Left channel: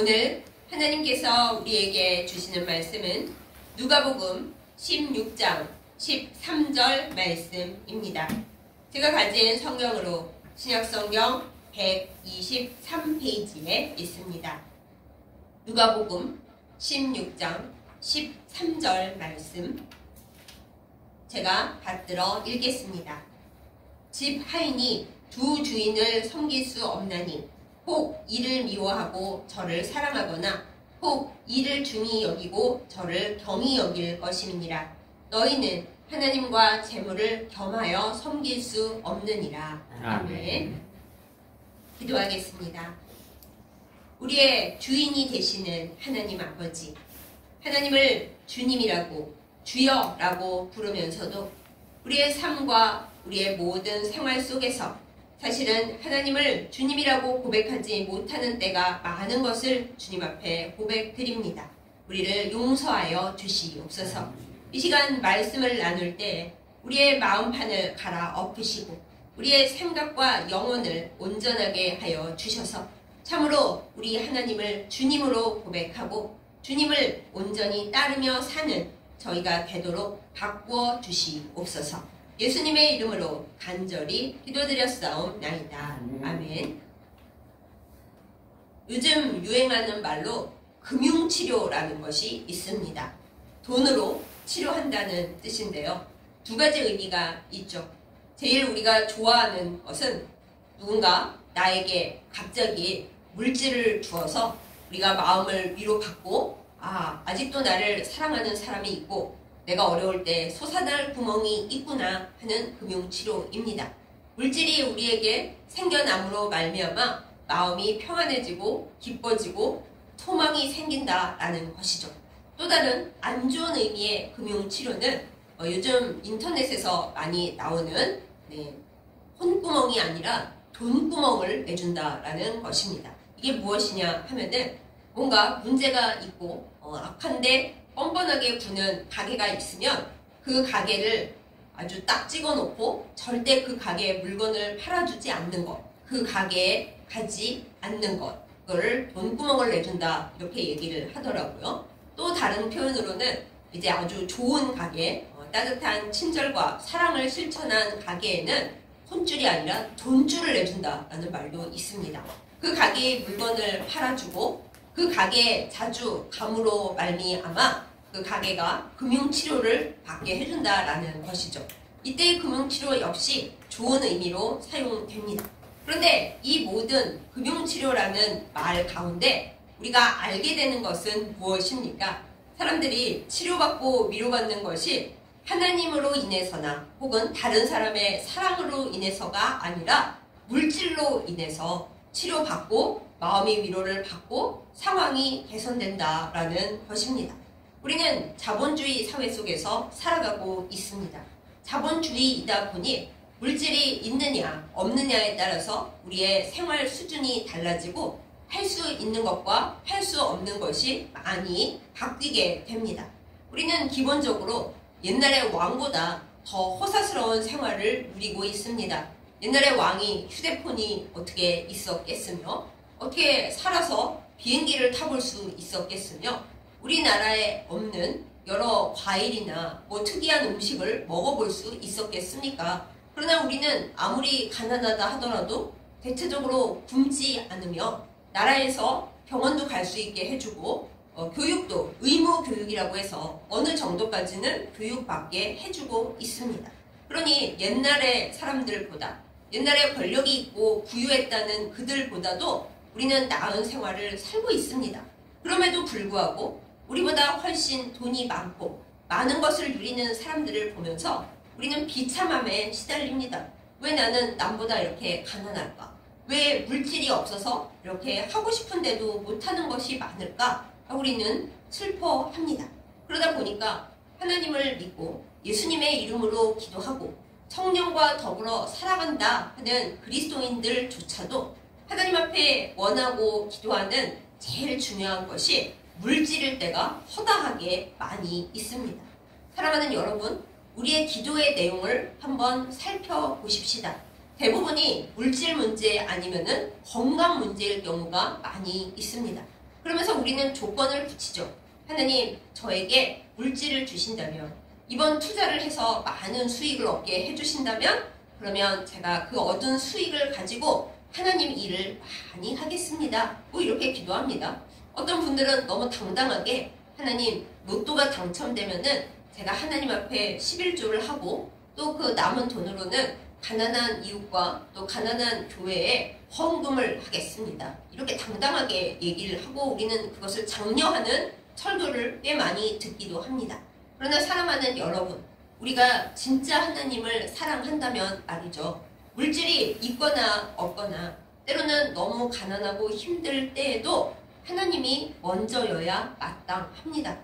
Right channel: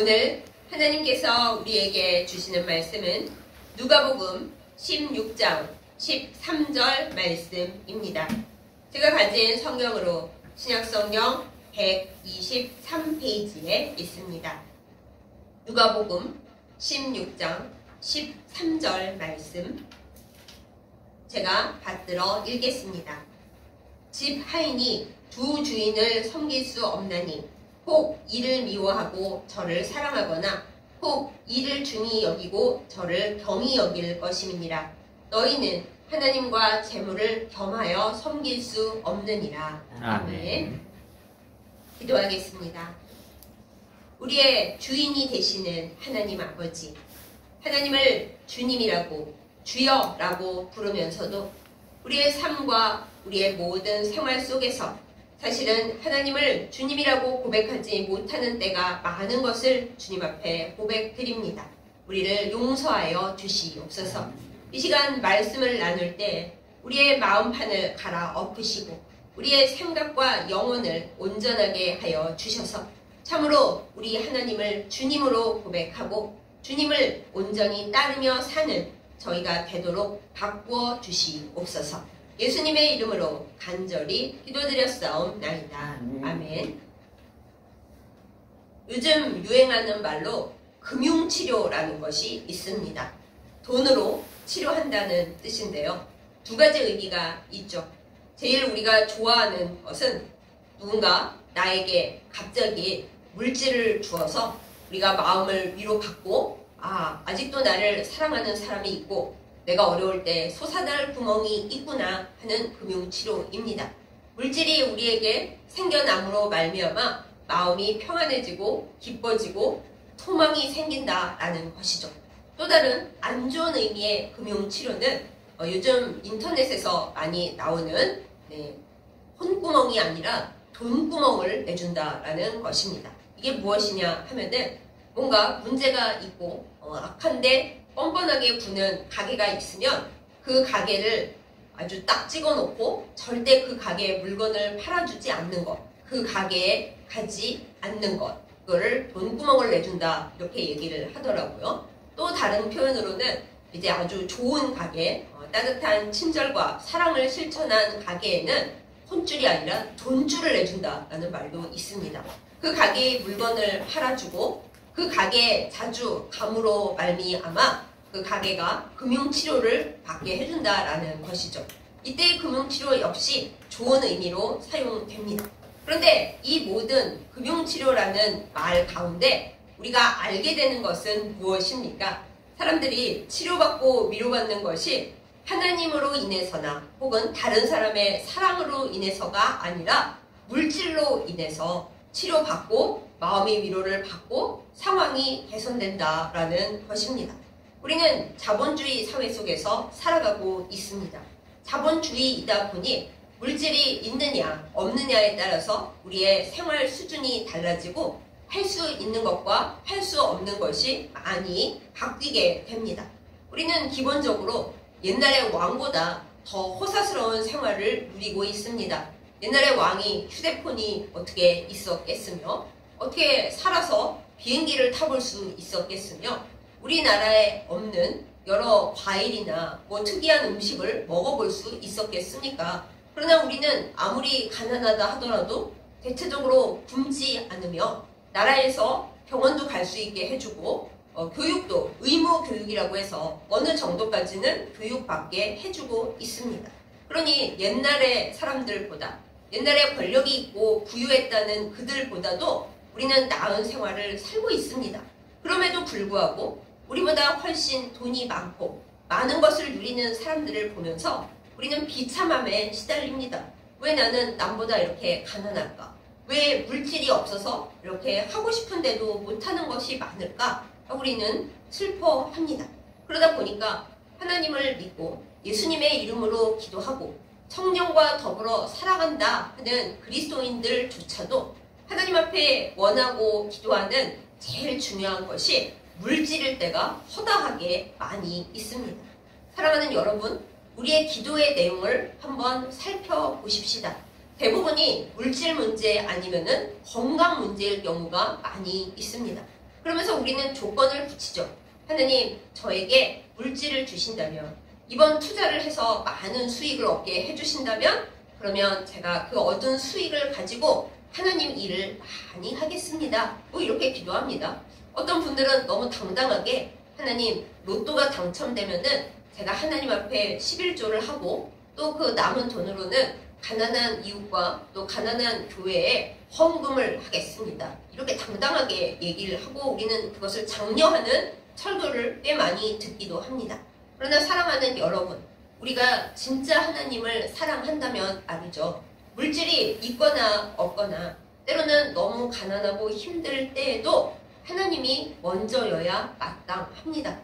오늘 하나님께서 우리에게 주시는 말씀은 누가복음 16장 13절 말씀입니다. 제가 가진 성경으로 신약성경 123페이지에 있습니다. 누가복음 16장 13절 말씀 제가 받들어 읽겠습니다. 집 하인이 두 주인을 섬길 수 없나니 혹 이를 미워하고 저를 사랑하거나 혹 이를 중히 여기고 저를 경히 여길 것임이니라. 너희는 하나님과 재물을 겸하여 섬길 수 없느니라. 아멘. 기도하겠습니다. 우리의 주인이 되시는 하나님 아버지, 하나님을 주님이라고 주여라고 부르면서도 우리의 삶과 우리의 모든 생활 속에서 사실은 하나님을 주님이라고 고백하지 못하는 때가 많은 것을 주님 앞에 고백드립니다. 우리를 용서하여 주시옵소서. 이 시간 말씀을 나눌 때 우리의 마음판을 갈아 엎으시고 우리의 생각과 영혼을 온전하게 하여 주셔서 참으로 우리 하나님을 주님으로 고백하고 주님을 온전히 따르며 사는 저희가 되도록 바꾸어 주시옵소서. 예수님의 이름으로 간절히 기도드렸사옵나이다. 아멘. 요즘 유행하는 말로 금융치료라는 것이 있습니다. 돈으로 치료한다는 뜻인데요. 두 가지 의미가 있죠. 제일 우리가 좋아하는 것은 누군가 나에게 갑자기 물질을 주어서 우리가 마음을 위로받고 아직도 나를 사랑하는 사람이 있고 내가 어려울 때 솟아날 구멍이 있구나 하는 금융치료입니다. 물질이 우리에게 생겨남으로 말미암아 마음이 평안해지고 기뻐지고 소망이 생긴다라는 것이죠. 또 다른 안 좋은 의미의 금융치료는 요즘 인터넷에서 많이 나오는 혼구멍이 아니라 돈구멍을 내준다라는 것입니다. 이게 무엇이냐 하면은 뭔가 문제가 있고 악한데 뻔뻔하게 구는 가게가 있으면 그 가게를 아주 딱 찍어놓고 절대 그 가게에 물건을 팔아주지 않는 것, 그 가게에 가지 않는 것, 그거를 돈구멍을 내준다 이렇게 얘기를 하더라고요. 또 다른 표현으로는 이제 아주 좋은 가게, 따뜻한 친절과 사랑을 실천한 가게에는 혼줄이 아니라 돈줄을 내준다라는 말도 있습니다. 그 가게에 물건을 팔아주고 그 가게에 자주 감으로 말미암아 그 가게가 금융치료를 받게 해준다라는 것이죠. 이때 금융치료 역시 좋은 의미로 사용됩니다. 그런데 이 모든 금융치료라는 말 가운데 우리가 알게 되는 것은 무엇입니까? 사람들이 치료받고 위로받는 것이 하나님으로 인해서나 혹은 다른 사람의 사랑으로 인해서가 아니라 물질로 인해서 치료받고 마음의 위로를 받고 상황이 개선된다라는 것입니다. 우리는 자본주의 사회 속에서 살아가고 있습니다. 자본주의이다 보니 물질이 있느냐 없느냐에 따라서 우리의 생활 수준이 달라지고 할 수 있는 것과 할 수 없는 것이 많이 바뀌게 됩니다. 우리는 기본적으로 옛날의 왕보다 더 호사스러운 생활을 누리고 있습니다. 옛날의 왕이 휴대폰이 어떻게 있었겠으며 어떻게 살아서 비행기를 타볼 수 있었겠으며 우리나라에 없는 여러 과일이나 특이한 음식을 먹어볼 수 있었겠습니까? 그러나 우리는 아무리 가난하다 하더라도 대체적으로 굶지 않으며 나라에서 병원도 갈 수 있게 해주고 교육도 의무 교육이라고 해서 어느 정도까지는 교육받게 해주고 있습니다. 그러니 옛날의 사람들보다 옛날에 권력이 있고 부유했다는 그들보다도 우리는 나은 생활을 살고 있습니다. 그럼에도 불구하고 우리보다 훨씬 돈이 많고 많은 것을 누리는 사람들을 보면서 우리는 비참함에 시달립니다. 왜 나는 남보다 이렇게 가난할까? 왜 물질이 없어서 이렇게 하고 싶은데도 못하는 것이 많을까? 우리는 슬퍼합니다. 그러다 보니까 하나님을 믿고 예수님의 이름으로 기도하고 성령과 더불어 살아간다 하는 그리스도인들조차도 하나님 앞에 원하고 기도하는 제일 중요한 것이 물질일 때가 허다하게 많이 있습니다. 사랑하는 여러분, 우리의 기도의 내용을 한번 살펴보십시다. 대부분이 물질 문제 아니면은 건강 문제일 경우가 많이 있습니다. 그러면서 우리는 조건을 붙이죠. 하나님, 저에게 물질을 주신다면, 이번 투자를 해서 많은 수익을 얻게 해주신다면, 그러면 제가 그 얻은 수익을 가지고 하나님 일을 많이 하겠습니다. 뭐 이렇게 기도합니다. 어떤 분들은 너무 당당하게 하나님 로또가 당첨되면은 제가 하나님 앞에 11조를 하고 또 그 남은 돈으로는 가난한 이웃과 또 가난한 교회에 헌금을 하겠습니다. 이렇게 당당하게 얘기를 하고 우리는 그것을 장려하는 설교를 꽤 많이 듣기도 합니다. 그러나 사랑하는 여러분, 우리가 진짜 하나님을 사랑한다면 말이죠. 물질이 있거나 없거나 때로는 너무 가난하고 힘들 때에도 하나님이 먼저여야 마땅합니다.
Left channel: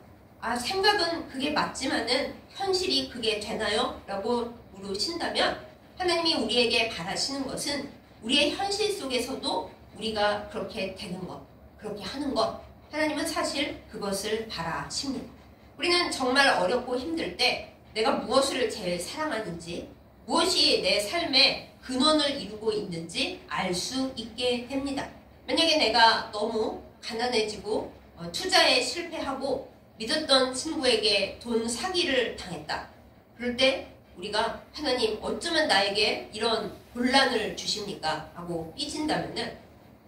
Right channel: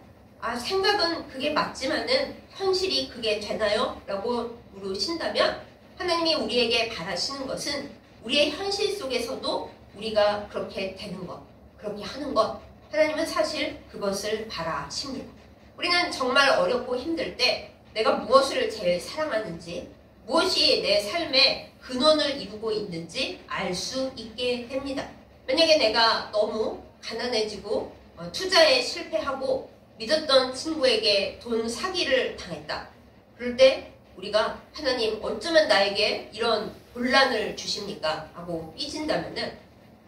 생각은 그게 맞지만은 현실이 그게 되나요? 라고 물으신다면 하나님이 우리에게 바라시는 것은 우리의 현실 속에서도 우리가 그렇게 되는 것, 그렇게 하는 것, 하나님은 사실 그것을 바라십니다. 우리는 정말 어렵고 힘들 때 내가 무엇을 제일 사랑하는지, 무엇이 내 삶의 근원을 이루고 있는지 알 수 있게 됩니다. 만약에 내가 너무 가난해지고 투자에 실패하고 믿었던 친구에게 돈 사기를 당했다. 그럴 때 우리가 하나님 어쩌면 나에게 이런 곤란을 주십니까? 하고 삐진다면은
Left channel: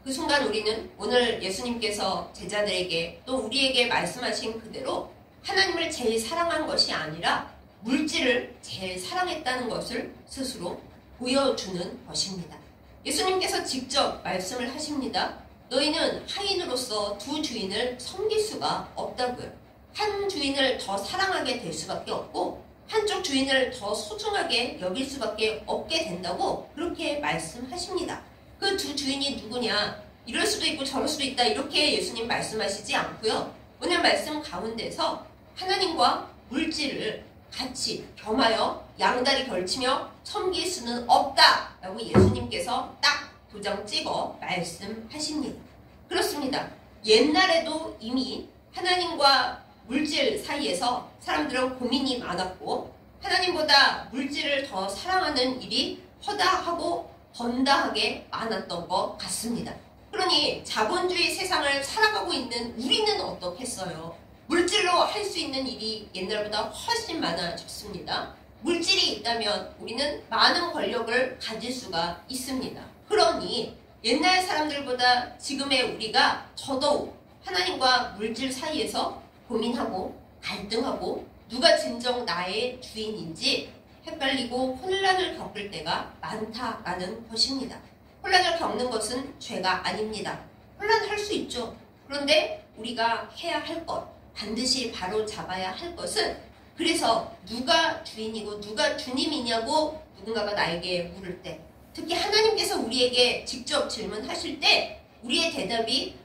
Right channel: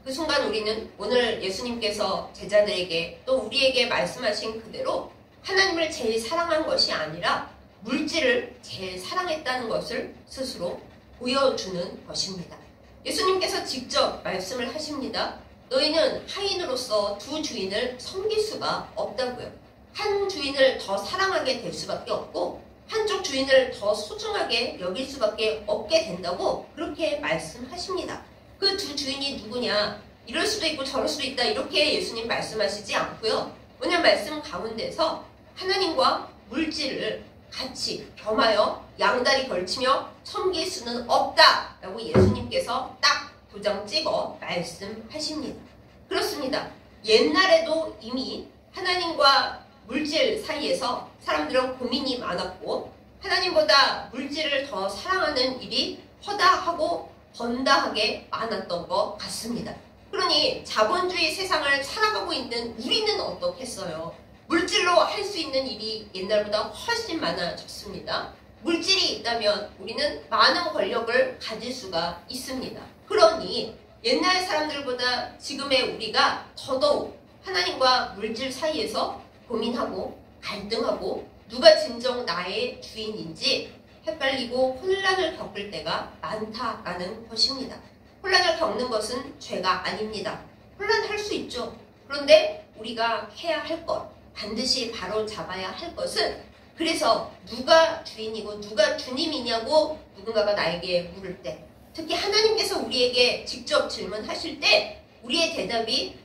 그 순간 우리는 오늘 예수님께서 제자들에게 또 우리에게 말씀하신 그대로 하나님을 제일 사랑한 것이 아니라 물질을 제일 사랑했다는 것을 스스로 보여주는 것입니다. 예수님께서 직접 말씀을 하십니다. 너희는 하인으로서 두 주인을 섬길 수가 없다고요. 한 주인을 더 사랑하게 될 수밖에 없고 한쪽 주인을 더 소중하게 여길 수밖에 없게 된다고 그렇게 말씀하십니다. 그 두 주인이 누구냐? 이럴 수도 있고 저럴 수도 있다. 이렇게 예수님 말씀하시지 않고요. 오늘 말씀 가운데서 하나님과 물질을 같이 겸하여 양다리 걸치며 섬길 수는 없다. 라고 예수님께서 딱 도장 찍어 말씀하십니다. 그렇습니다. 옛날에도 이미 하나님과 물질 사이에서 사람들은 고민이 많았고 하나님보다 물질을 더 사랑하는 일이 허다하고 번다하게 많았던 것 같습니다. 그러니 자본주의 세상을 살아가고 있는 우리는 어떻겠어요? 물질로 할 수 있는 일이 옛날보다 훨씬 많아졌습니다. 물질이 있다면 우리는 많은 권력을 가질 수가 있습니다. 그러니 옛날 사람들보다 지금의 우리가 더더욱 하나님과 물질 사이에서 고민하고 갈등하고 누가 진정 나의 주인인지 헷갈리고 혼란을 겪을 때가 많다라는 것입니다. 혼란을 겪는 것은 죄가 아닙니다. 혼란할 수 있죠. 그런데 우리가 해야 할 것, 반드시 바로 잡아야 할 것은 그래서 누가 주인이고 누가 주님이냐고 누군가가 나에게 물을 때 특히 하나님께서 우리에게 직접 질문하실 때 우리의 대답이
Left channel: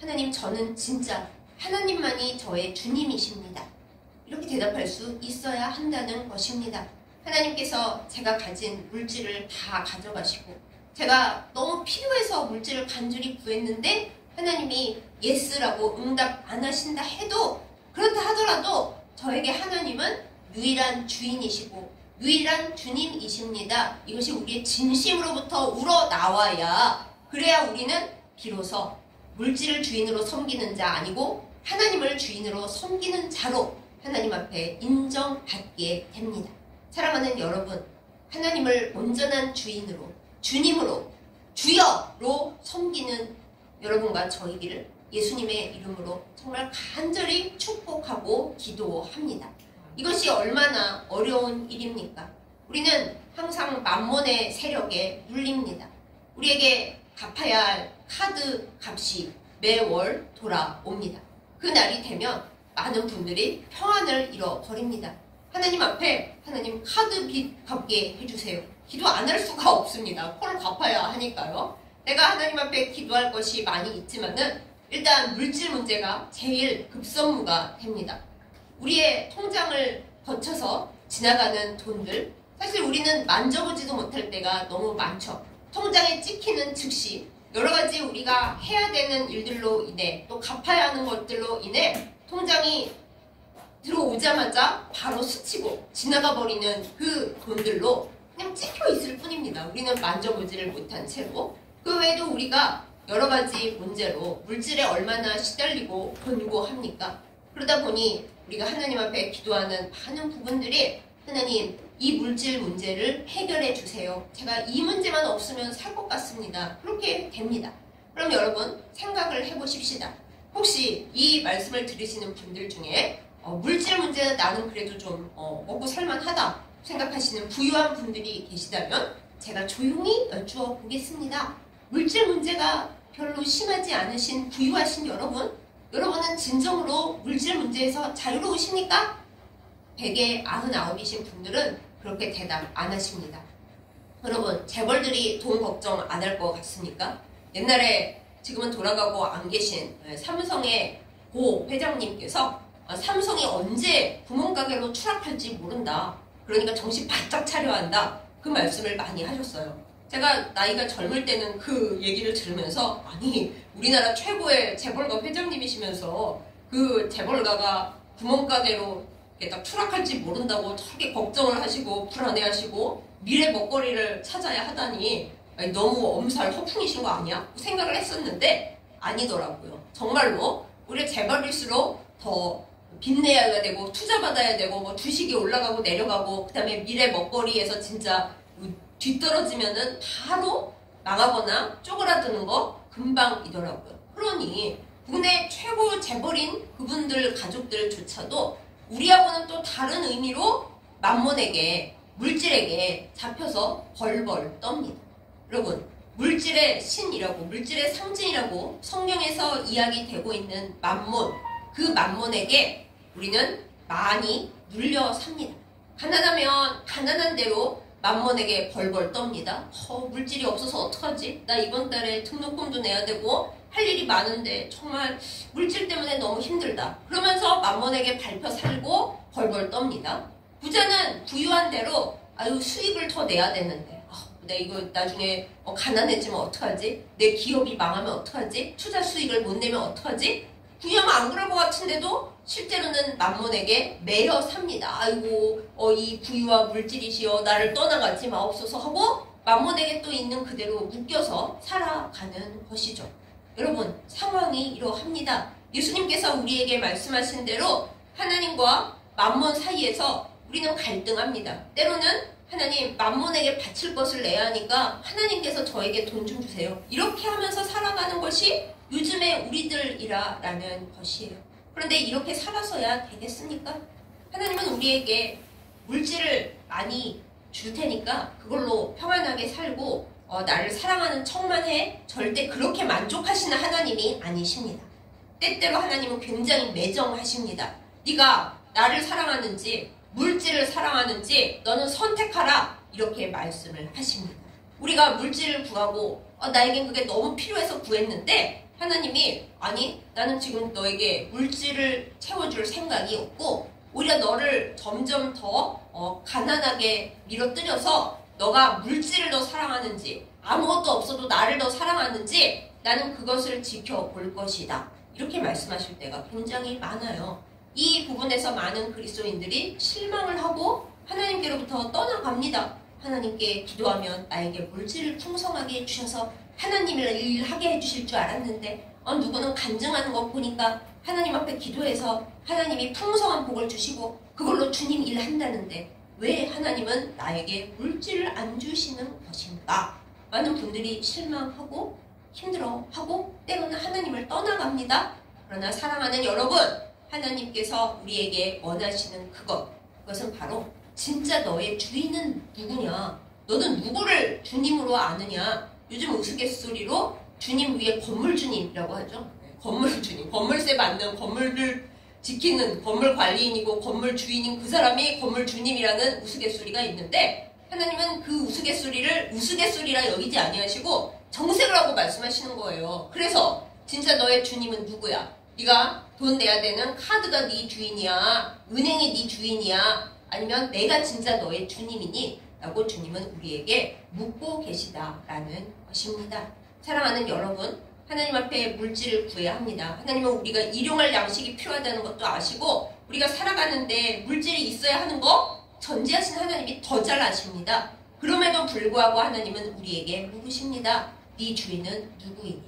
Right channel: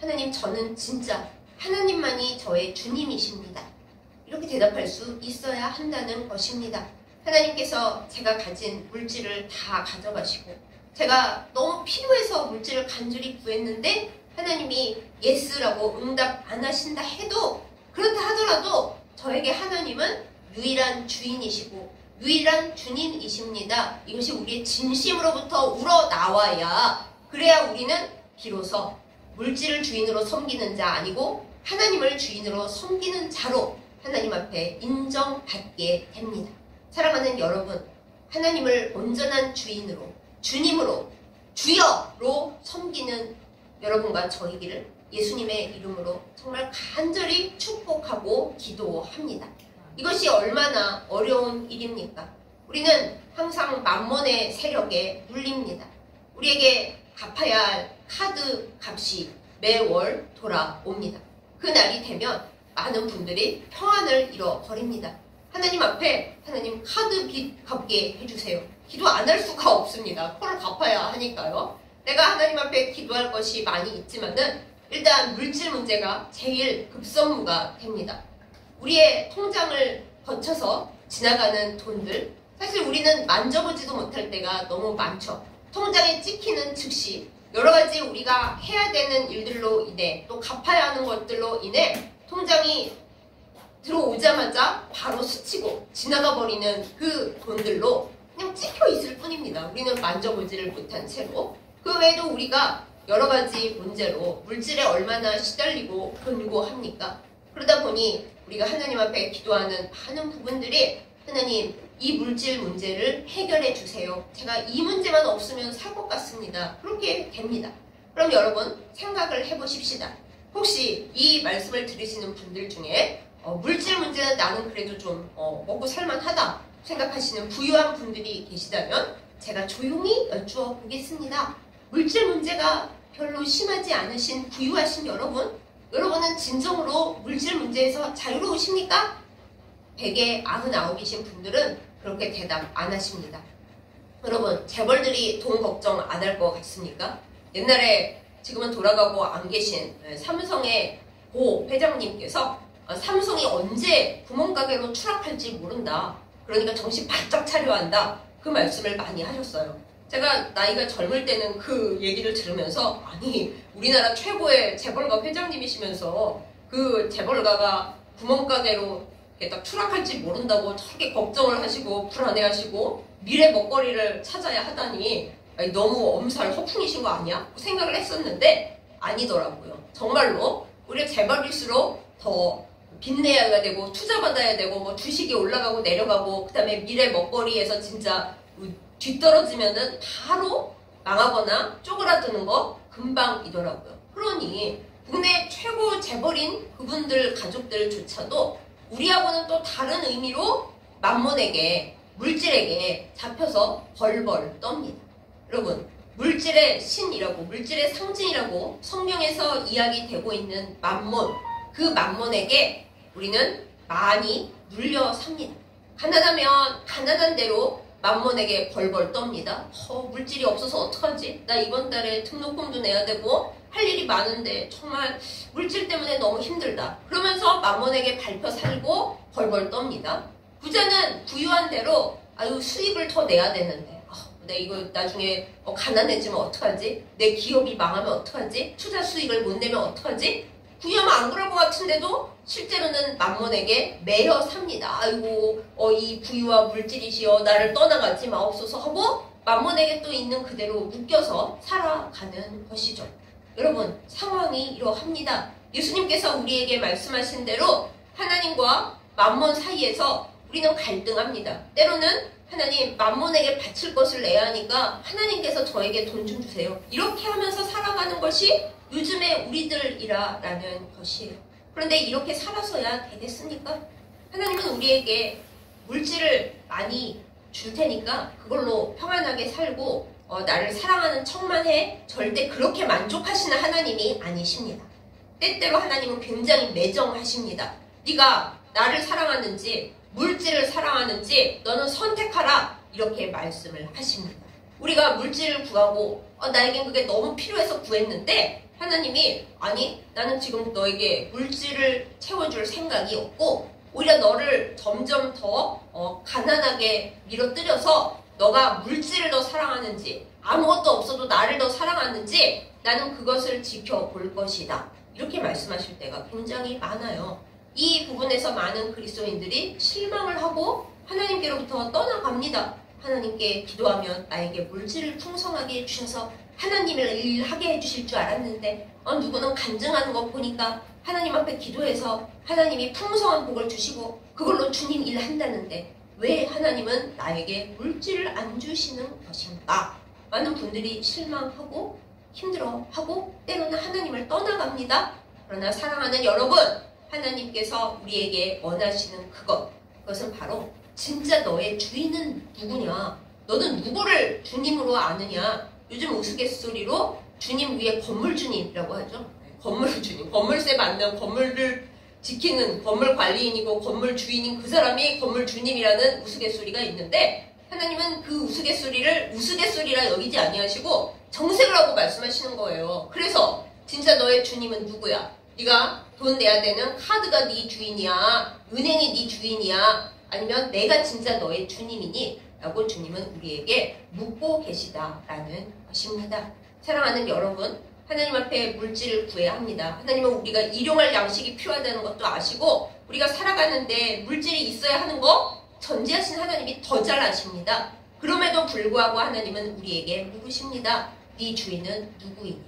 하나님 저는 진짜 하나님만이 저의 주님이십니다. 이렇게 대답할 수 있어야 한다는 것입니다. 하나님께서 제가 가진 물질을 다 가져가시고 제가 너무 필요해서 물질을 간절히 구했는데 하나님이 예스라고 응답 안 하신다 해도 그렇다 하더라도 저에게 하나님은 유일한 주인이시고 유일한 주님이십니다. 이것이 우리의 진심으로부터 우러나와야 그래야 우리는 비로소 물질을 주인으로 섬기는 자 아니고 하나님을 주인으로 섬기는 자로 하나님 앞에 인정받게 됩니다. 사랑하는 여러분, 하나님을 온전한 주인으로 주님으로 주여로 섬기는 여러분과 저이기를 예수님의 이름으로 정말 간절히 축복하고 기도합니다. 이것이 얼마나 어려운 일입니까? 우리는 항상 만몬의 세력에 눌립니다. 우리에게 갚아야 할 카드 값이 매월 돌아옵니다. 그 날이 되면 많은 분들이 평안을 잃어버립니다. 하나님 앞에 하나님 카드 빚 갚게 해주세요. 기도 안 할 수가 없습니다. 콜 갚아야 하니까요. 내가 하나님 앞에 기도할 것이 많이 있지만은 일단 물질 문제가 제일 급선무가 됩니다. 우리의 통장을 거쳐서 지나가는 돈들 사실 우리는 만져보지도 못할 때가 너무 많죠. 통장에 찍히는 즉시 여러 가지 우리가 해야 되는 일들로 인해 또 갚아야 하는 것들로 인해 통장이 들어오자마자 바로 스치고 지나가 버리는 그 돈들로 그냥 찍혀 있을 뿐입니다. 우리는 만져보지를 못한 채로. 그 외에도 우리가 여러 가지 문제로 물질에 얼마나 시달리고 곤고합니까? 그러다 보니 우리가 하나님 앞에 기도하는 많은 부분들이 하나님 이 물질 문제를 해결해 주세요. 제가 이 문제만 없으면 살 것 같습니다. 그렇게 됩니다. 그럼 여러분 생각을 해보십시다. 혹시 이 말씀을 들으시는 분들 중에 물질 문제는 나는 그래도 좀 먹고 살만하다 생각하시는 부유한 분들이 계시다면 제가 조용히 여쭈어 보겠습니다. 물질 문제가 별로 심하지 않으신 부유하신 여러분은 진정으로 물질 문제에서 자유로우십니까? 100에 99이신 분들은 그렇게 대답 안 하십니다. 여러분, 재벌들이 돈 걱정 안 할 것 같습니까? 옛날에 지금은 돌아가고 안 계신 삼성의 고 회장님께서 삼성이 언제 구멍가게로 추락할지 모른다. 그러니까 정신 바짝 차려야 한다. 그 말씀을 많이 하셨어요. 제가 나이가 젊을 때는 그 얘기를 들으면서 아니 우리나라 최고의 재벌가 회장님이시면서 그 재벌가가 구멍가게로 딱 추락할지 모른다고 저렇게 걱정을 하시고 불안해하시고 미래 먹거리를 찾아야 하다니 너무 엄살 허풍이신 거 아니야? 생각을 했었는데 아니더라고요. 정말로 우리 재벌일수록 더 빚내야 되고 투자받아야 되고 뭐 주식이 올라가고 내려가고 그다음에 미래 먹거리에서 진짜 뒤떨어지면은 바로 망하거나 쪼그라드는 거 금방이더라고요. 그러니 국내 최고 재벌인 그분들 가족들조차도 우리하고는 또 다른 의미로 만몬에게 물질에게 잡혀서 벌벌 떱니다. 여러분 물질의 신이라고 물질의 상징이라고 성경에서 이야기되고 있는 만몬 그 만몬에게 우리는 많이 눌려 삽니다. 가난하면 가난한 대로 만몬에게 벌벌 떱니다. 물질이 없어서 어떡하지? 나 이번 달에 등록금도 내야 되고 할 일이 많은데 정말 물질 때문에 너무 힘들다. 그러면서 만몬에게 밟혀 살고 벌벌 떱니다. 부자는 부유한 대로 아유 수입을 더 내야 되는데 내 이거 나중에 가난해지면 어떡하지? 내 기업이 망하면 어떡하지? 투자 수익을 못 내면 어떡하지? 부유하면 안 그럴 것 같은데도 실제로는 만몬에게 매여 삽니다. 아이고 이 부유와 물질이시여 나를 떠나가지 마옵소서 하고 만몬에게 또 있는 그대로 묶여서 살아가는 것이죠. 여러분 상황이 이러합니다. 예수님께서 우리에게 말씀하신 대로 하나님과 만몬 사이에서 우리는 갈등합니다. 때로는 하나님 만몬에게 바칠 것을 내야 하니까 하나님께서 저에게 돈 좀 주세요. 이렇게 하면서 살아가는 것이 요즘의 우리들이라는 것이에요. 그런데 이렇게 살아서야 되겠습니까? 하나님은 우리에게 물질을 많이 줄 테니까 그걸로 평안하게 살고 나를 사랑하는 척만 해 절대 그렇게 만족하시는 하나님이 아니십니다. 때때로 하나님은 굉장히 매정하십니다. 네가 나를 사랑하는지 물질을 사랑하는지 너는 선택하라 이렇게 말씀을 하십니다. 우리가 물질을 구하고 나에겐 그게 너무 필요해서 구했는데 하나님이 아니 나는 지금 너에게 물질을 채워줄 생각이 없고 오히려 너를 점점 더 가난하게 밀어뜨려서 너가 물질을 더 사랑하는지 아무것도 없어도 나를 더 사랑하는지 나는 그것을 지켜볼 것이다. 이렇게 말씀하실 때가 굉장히 많아요. 이 부분에서 많은 그리스도인들이 실망을 하고 하나님께로부터 떠나갑니다. 하나님께 기도하면 나에게 물질을 풍성하게 해주셔서 하나님을 일하게 해주실 줄 알았는데 누구는 간증하는 거 보니까 하나님 앞에 기도해서 하나님이 풍성한 복을 주시고 그걸로 주님 일한다는데 왜 하나님은 나에게 물질을 안 주시는 것인가? 많은 분들이 실망하고 힘들어하고 때로는 하나님을 떠나갑니다. 그러나 사랑하는 여러분 하나님께서 우리에게 원하시는 그것은 바로 진짜 너의 주인은 누구냐? 너는 누구를 주님으로 아느냐? 요즘 우스갯소리로 주님 위에 건물주님이라고 하죠. 건물주님, 건물세 받는 건물을 지키는 건물 관리인이고 건물 주인인 그 사람이 건물주님이라는 우스갯소리가 있는데 하나님은 그 우스갯소리를 우스갯소리라 여기지 아니하시고 정색을 하고 말씀하시는 거예요. 그래서 진짜 너의 주님은 누구야? 네가 돈 내야 되는 카드가 네 주인이야? 은행이 네 주인이야? 아니면 내가 진짜 너의 주님이니? 라고 주님은 우리에게 묻고 계시다라는 것입니다. 사랑하는 여러분, 하나님 앞에 물질을 구해야 합니다. 하나님은 우리가 일용할 양식이 필요하다는 것도 아시고 우리가 살아가는데 물질이 있어야 하는 거 전지하신 하나님이 더 잘 아십니다. 그럼에도 불구하고 하나님은 우리에게 묻으십니다. 네 주인은 누구이냐?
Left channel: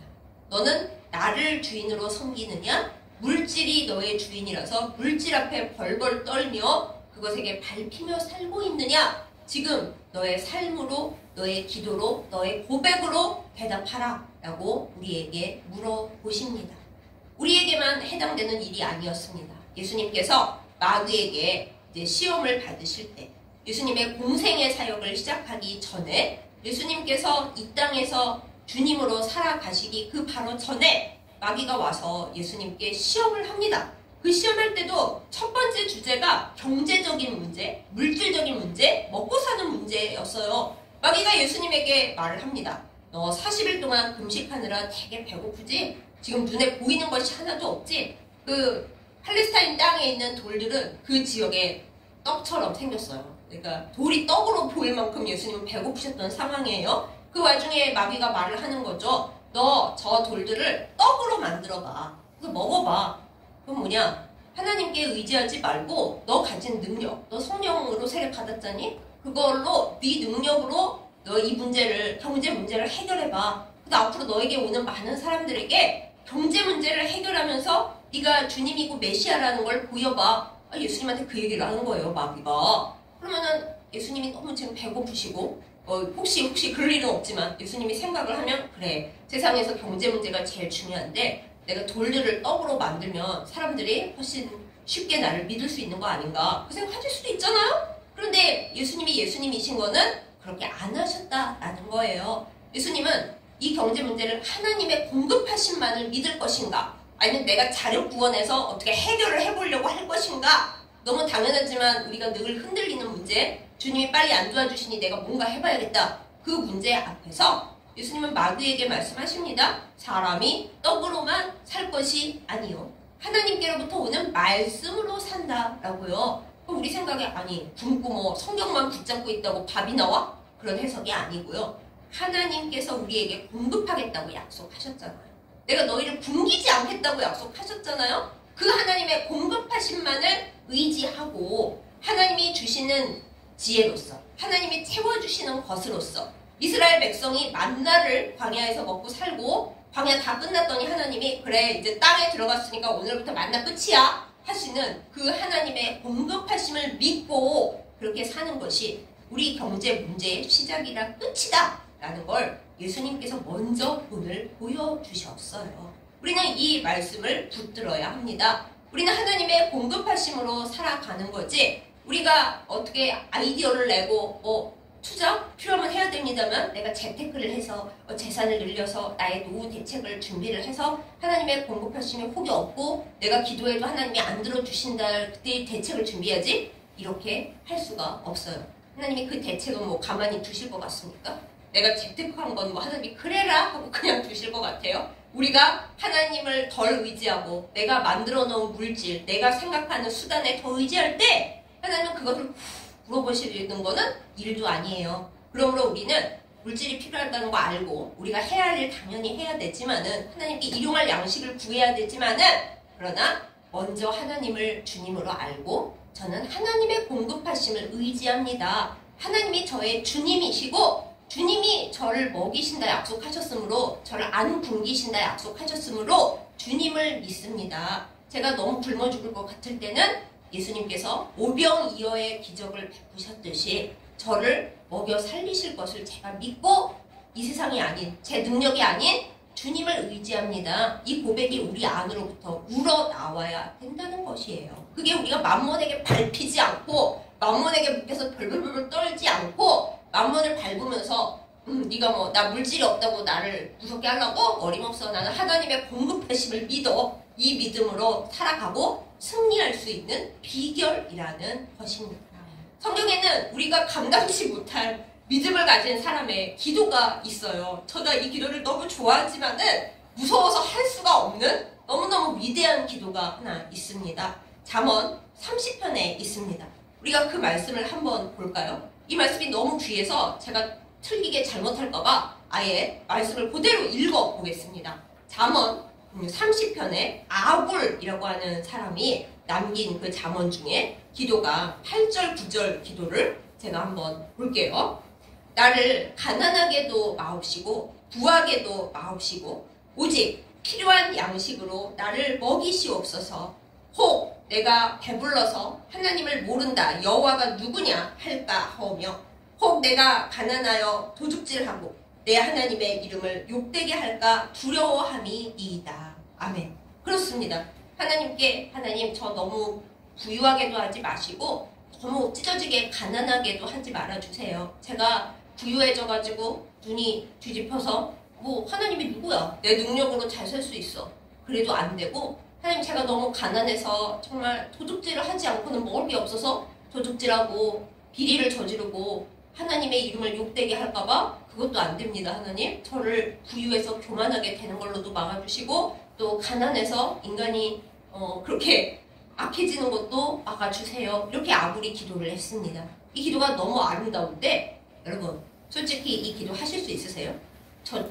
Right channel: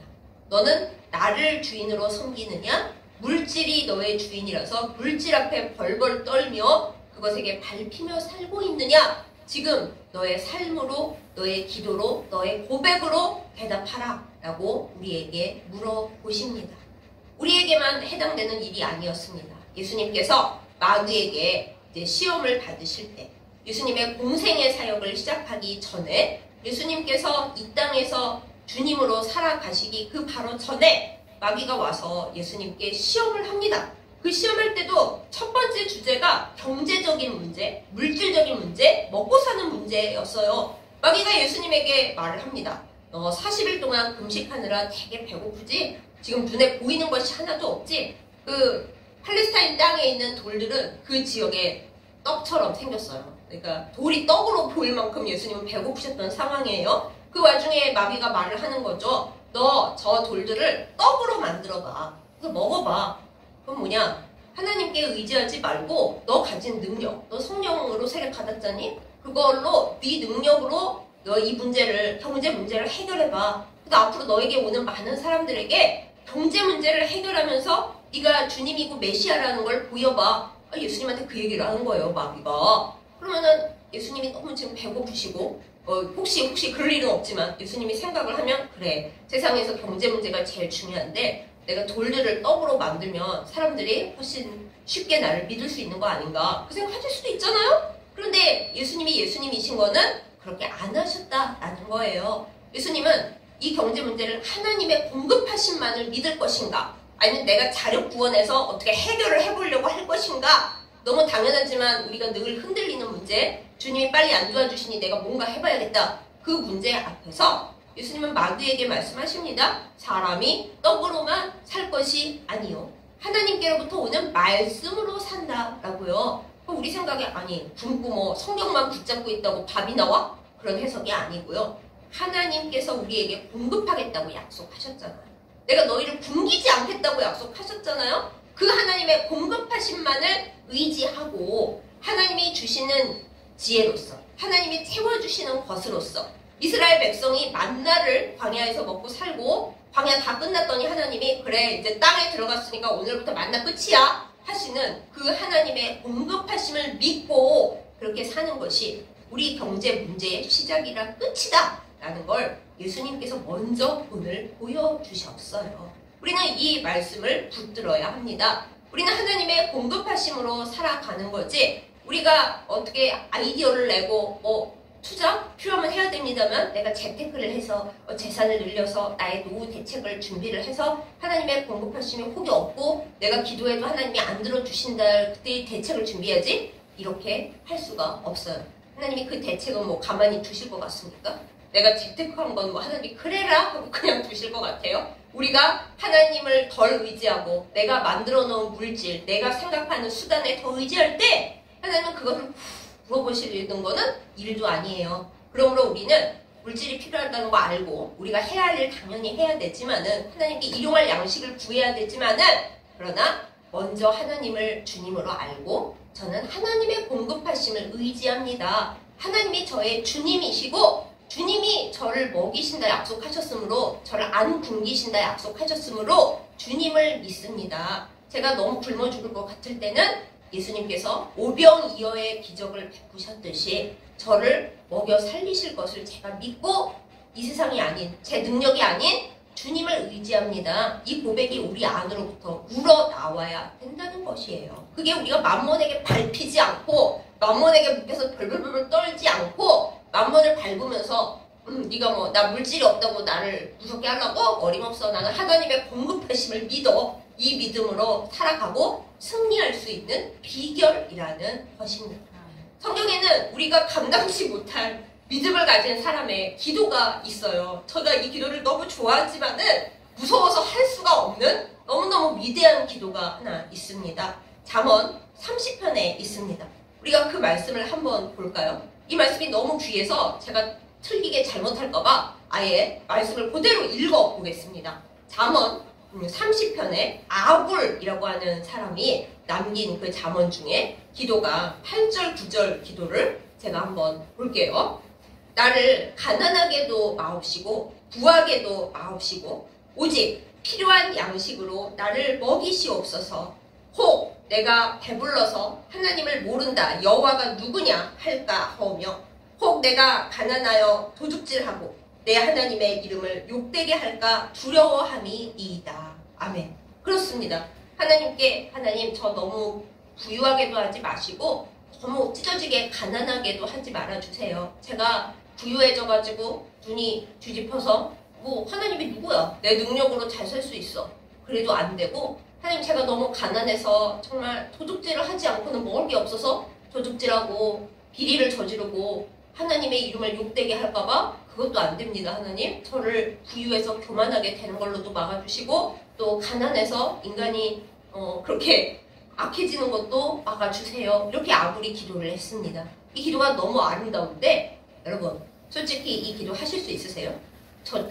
너는 나를 주인으로 섬기느냐? 물질이 너의 주인이라서 물질 앞에 벌벌 떨며 그것에게 밟히며 살고 있느냐? 지금 너의 삶으로, 너의 기도로, 너의 고백으로 대답하라 라고 우리에게 물어보십니다. 우리에게만 해당되는 일이 아니었습니다. 예수님께서 마귀에게 이제 시험을 받으실 때, 예수님의 공생의 사역을 시작하기 전에, 예수님께서 이 땅에서 주님으로 살아가시기 그 바로 전에 마귀가 와서 예수님께 시험을 합니다. 그 시험할 때도 첫 번째 주제가 경제적인 문제, 물질적인 문제, 먹고 사는 문제였어요. 마귀가 예수님에게 말을 합니다. 너 40일 동안 금식하느라 되게 배고프지? 지금 눈에 보이는 것이 하나도 없지? 그 팔레스타인 땅에 있는 돌들은 그 지역에 떡처럼 생겼어요. 그러니까 돌이 떡으로 보일 만큼 예수님은 배고프셨던 상황이에요. 그 와중에 마귀가 말을 하는 거죠. 너 저 돌들을 떡으로 만들어봐. 그래서 먹어봐. 그럼 뭐냐? 하나님께 의지하지 말고 너 가진 능력, 너 성령으로 세례 받았잖니? 그걸로 네 능력으로 너 이 문제를, 경제 문제를 해결해봐. 그래서 앞으로 너에게 오는 많은 사람들에게 경제 문제를 해결하면서 네가 주님이고 메시아라는 걸 보여봐. 예수님한테 그 얘기를 하는 거예요, 마귀가. 그러면은 예수님이 너무 지금 배고프시고 혹시 그럴 일은 없지만 예수님이 생각을 하면 그래, 세상에서 경제 문제가 제일 중요한데 내가 돌들을 떡으로 만들면 사람들이 훨씬 쉽게 나를 믿을 수 있는 거 아닌가, 그 생각하실 수도 있잖아요. 그런데 예수님이 예수님이신 거는 그렇게 안 하셨다라는 거예요. 예수님은 이 경제 문제를 하나님의 공급하심만을 믿을 것인가, 아니면 내가 자력 구원해서 어떻게 해결을 해보려고 할 것인가. 너무 당연하지만 우리가 늘 흔들리는 문제, 주님이 빨리 안 도와주시니 내가 뭔가 해봐야겠다, 그 문제 앞에서 예수님은 마귀에게 말씀하십니다. 사람이 떡으로만 살 것이 아니요, 하나님께로부터 오는 말씀으로 산다라고요. 그럼 우리 생각에 아니 굶고 뭐 성경만 붙잡고 있다고 밥이 나와? 그런 해석이 아니고요. 하나님께서 우리에게 공급하겠다고 약속하셨잖아요. 내가 너희를 굶기지 않겠다고 약속하셨잖아요. 그 하나님의 공급하심만을 의지하고 하나님이 주시는 지혜로서, 하나님이 채워주시는 것으로서 이스라엘 백성이 만나를 광야에서 먹고 살고 광야 다 끝났더니 하나님이 그래 이제 땅에 들어갔으니까 오늘부터 만나 끝이야 하시는 그 하나님의 공급하심을 믿고 그렇게 사는 것이 우리 경제 문제의 시작이라 끝이다 라는 걸 예수님께서 먼저 오늘 보여주셨어요. 우리는 이 말씀을 붙들어야 합니다. 우리는 하나님의 공급하심으로 살아가는 거지, 우리가 어떻게 아이디어를 내고 투자 필요하면 해야 됩니다만 내가 재테크를 해서 재산을 늘려서 나의 노후 대책을 준비를 해서 하나님의 공급하심이 혹이 없고 내가 기도해도 하나님이 안 들어주신다, 그때 대책을 준비하지? 이렇게 할 수가 없어요. 하나님이 그 대책은 뭐 가만히 두실 것 같습니까? 내가 재테크한 건 뭐 하나님이 그래라 하고 그냥 두실 것 같아요? 우리가 하나님을 덜 의지하고 내가 만들어 놓은 물질, 내가 생각하는 수단에 더 의지할 때 하나님은 그것을 물어보시는 거는 일도 아니에요. 그러므로 우리는 물질이 필요하다는 거 알고 우리가 해야 할 일 당연히 해야 되지만은 하나님께 일용할 양식을 구해야 되지만은, 그러나 먼저 하나님을 주님으로 알고 저는 하나님의 공급하심을 의지합니다. 하나님이 저의 주님이시고 주님이 저를 먹이신다 약속하셨으므로, 저를 안 굶기신다 약속하셨으므로 주님을 믿습니다. 제가 너무 굶어 죽을 것 같을 때는 예수님께서 오병이어의 기적을 베푸셨듯이 저를 먹여 살리실 것을 제가 믿고 이 세상이 아닌, 제 능력이 아닌 주님을 의지합니다. 이 고백이 우리 안으로부터 우러나와야 된다는 것이에요. 그게 우리가 맘몬에게 밟히지 않고 맘몬에게 묶여서 벌벌벌 떨지 않고 맘몬을 밟으면서 네가 뭐 나 물질이 없다고 나를 무섭게 하려고? 어림없어. 나는 하나님의 공급하심을 믿어. 이 믿음으로 살아가고 승리할 수 있는 비결이라는 것입니다. 성경에는 우리가 감당치 못할 믿음을 가진 사람의 기도가 있어요. 제가 이 기도를 너무 좋아하지만은 무서워서 할 수가 없는 너무너무 위대한 기도가 하나 있습니다. 잠언 30편에 있습니다. 우리가 그 말씀을 한번 볼까요? 이 말씀이 너무 귀해서 제가 틀리게 잘못할까봐 아예 말씀을 그대로 읽어보겠습니다. 잠언 30편에 아굴이라고 하는 사람이 남긴 그 잠언 중에 기도가 8절, 9절 기도를 제가 한번 볼게요. 나를 가난하게도 마옵시고 부하게도 마옵시고 오직 필요한 양식으로 나를 먹이시옵소서. 혹 내가 배불러서 하나님을 모른다 여호와가 누구냐 할까 하오며 혹 내가 가난하여 도둑질하고 내 하나님의 이름을 욕되게 할까 두려워함이니이다. 아멘. 그렇습니다. 하나님께 하나님 저 너무 부유하게도 하지 마시고 너무 찢어지게 가난하게도 하지 말아주세요. 제가 부유해져가지고 눈이 뒤집혀서 뭐 하나님이 누구야? 내 능력으로 잘 살 수 있어. 그래도 안 되고 하나님 제가 너무 가난해서 정말 도둑질을 하지 않고는 먹을 게 없어서 도둑질하고 비리를 저지르고 하나님의 이름을 욕되게 할까봐 그것도 안 됩니다. 하나님 저를 부유해서 교만하게 되는 걸로도 막아주시고 또 가난해서 인간이 그렇게 악해지는 것도 막아주세요. 이렇게 아무리 기도를 했습니다. 이 기도가 너무 아름다운데 여러분 솔직히 이 기도 하실 수 있으세요?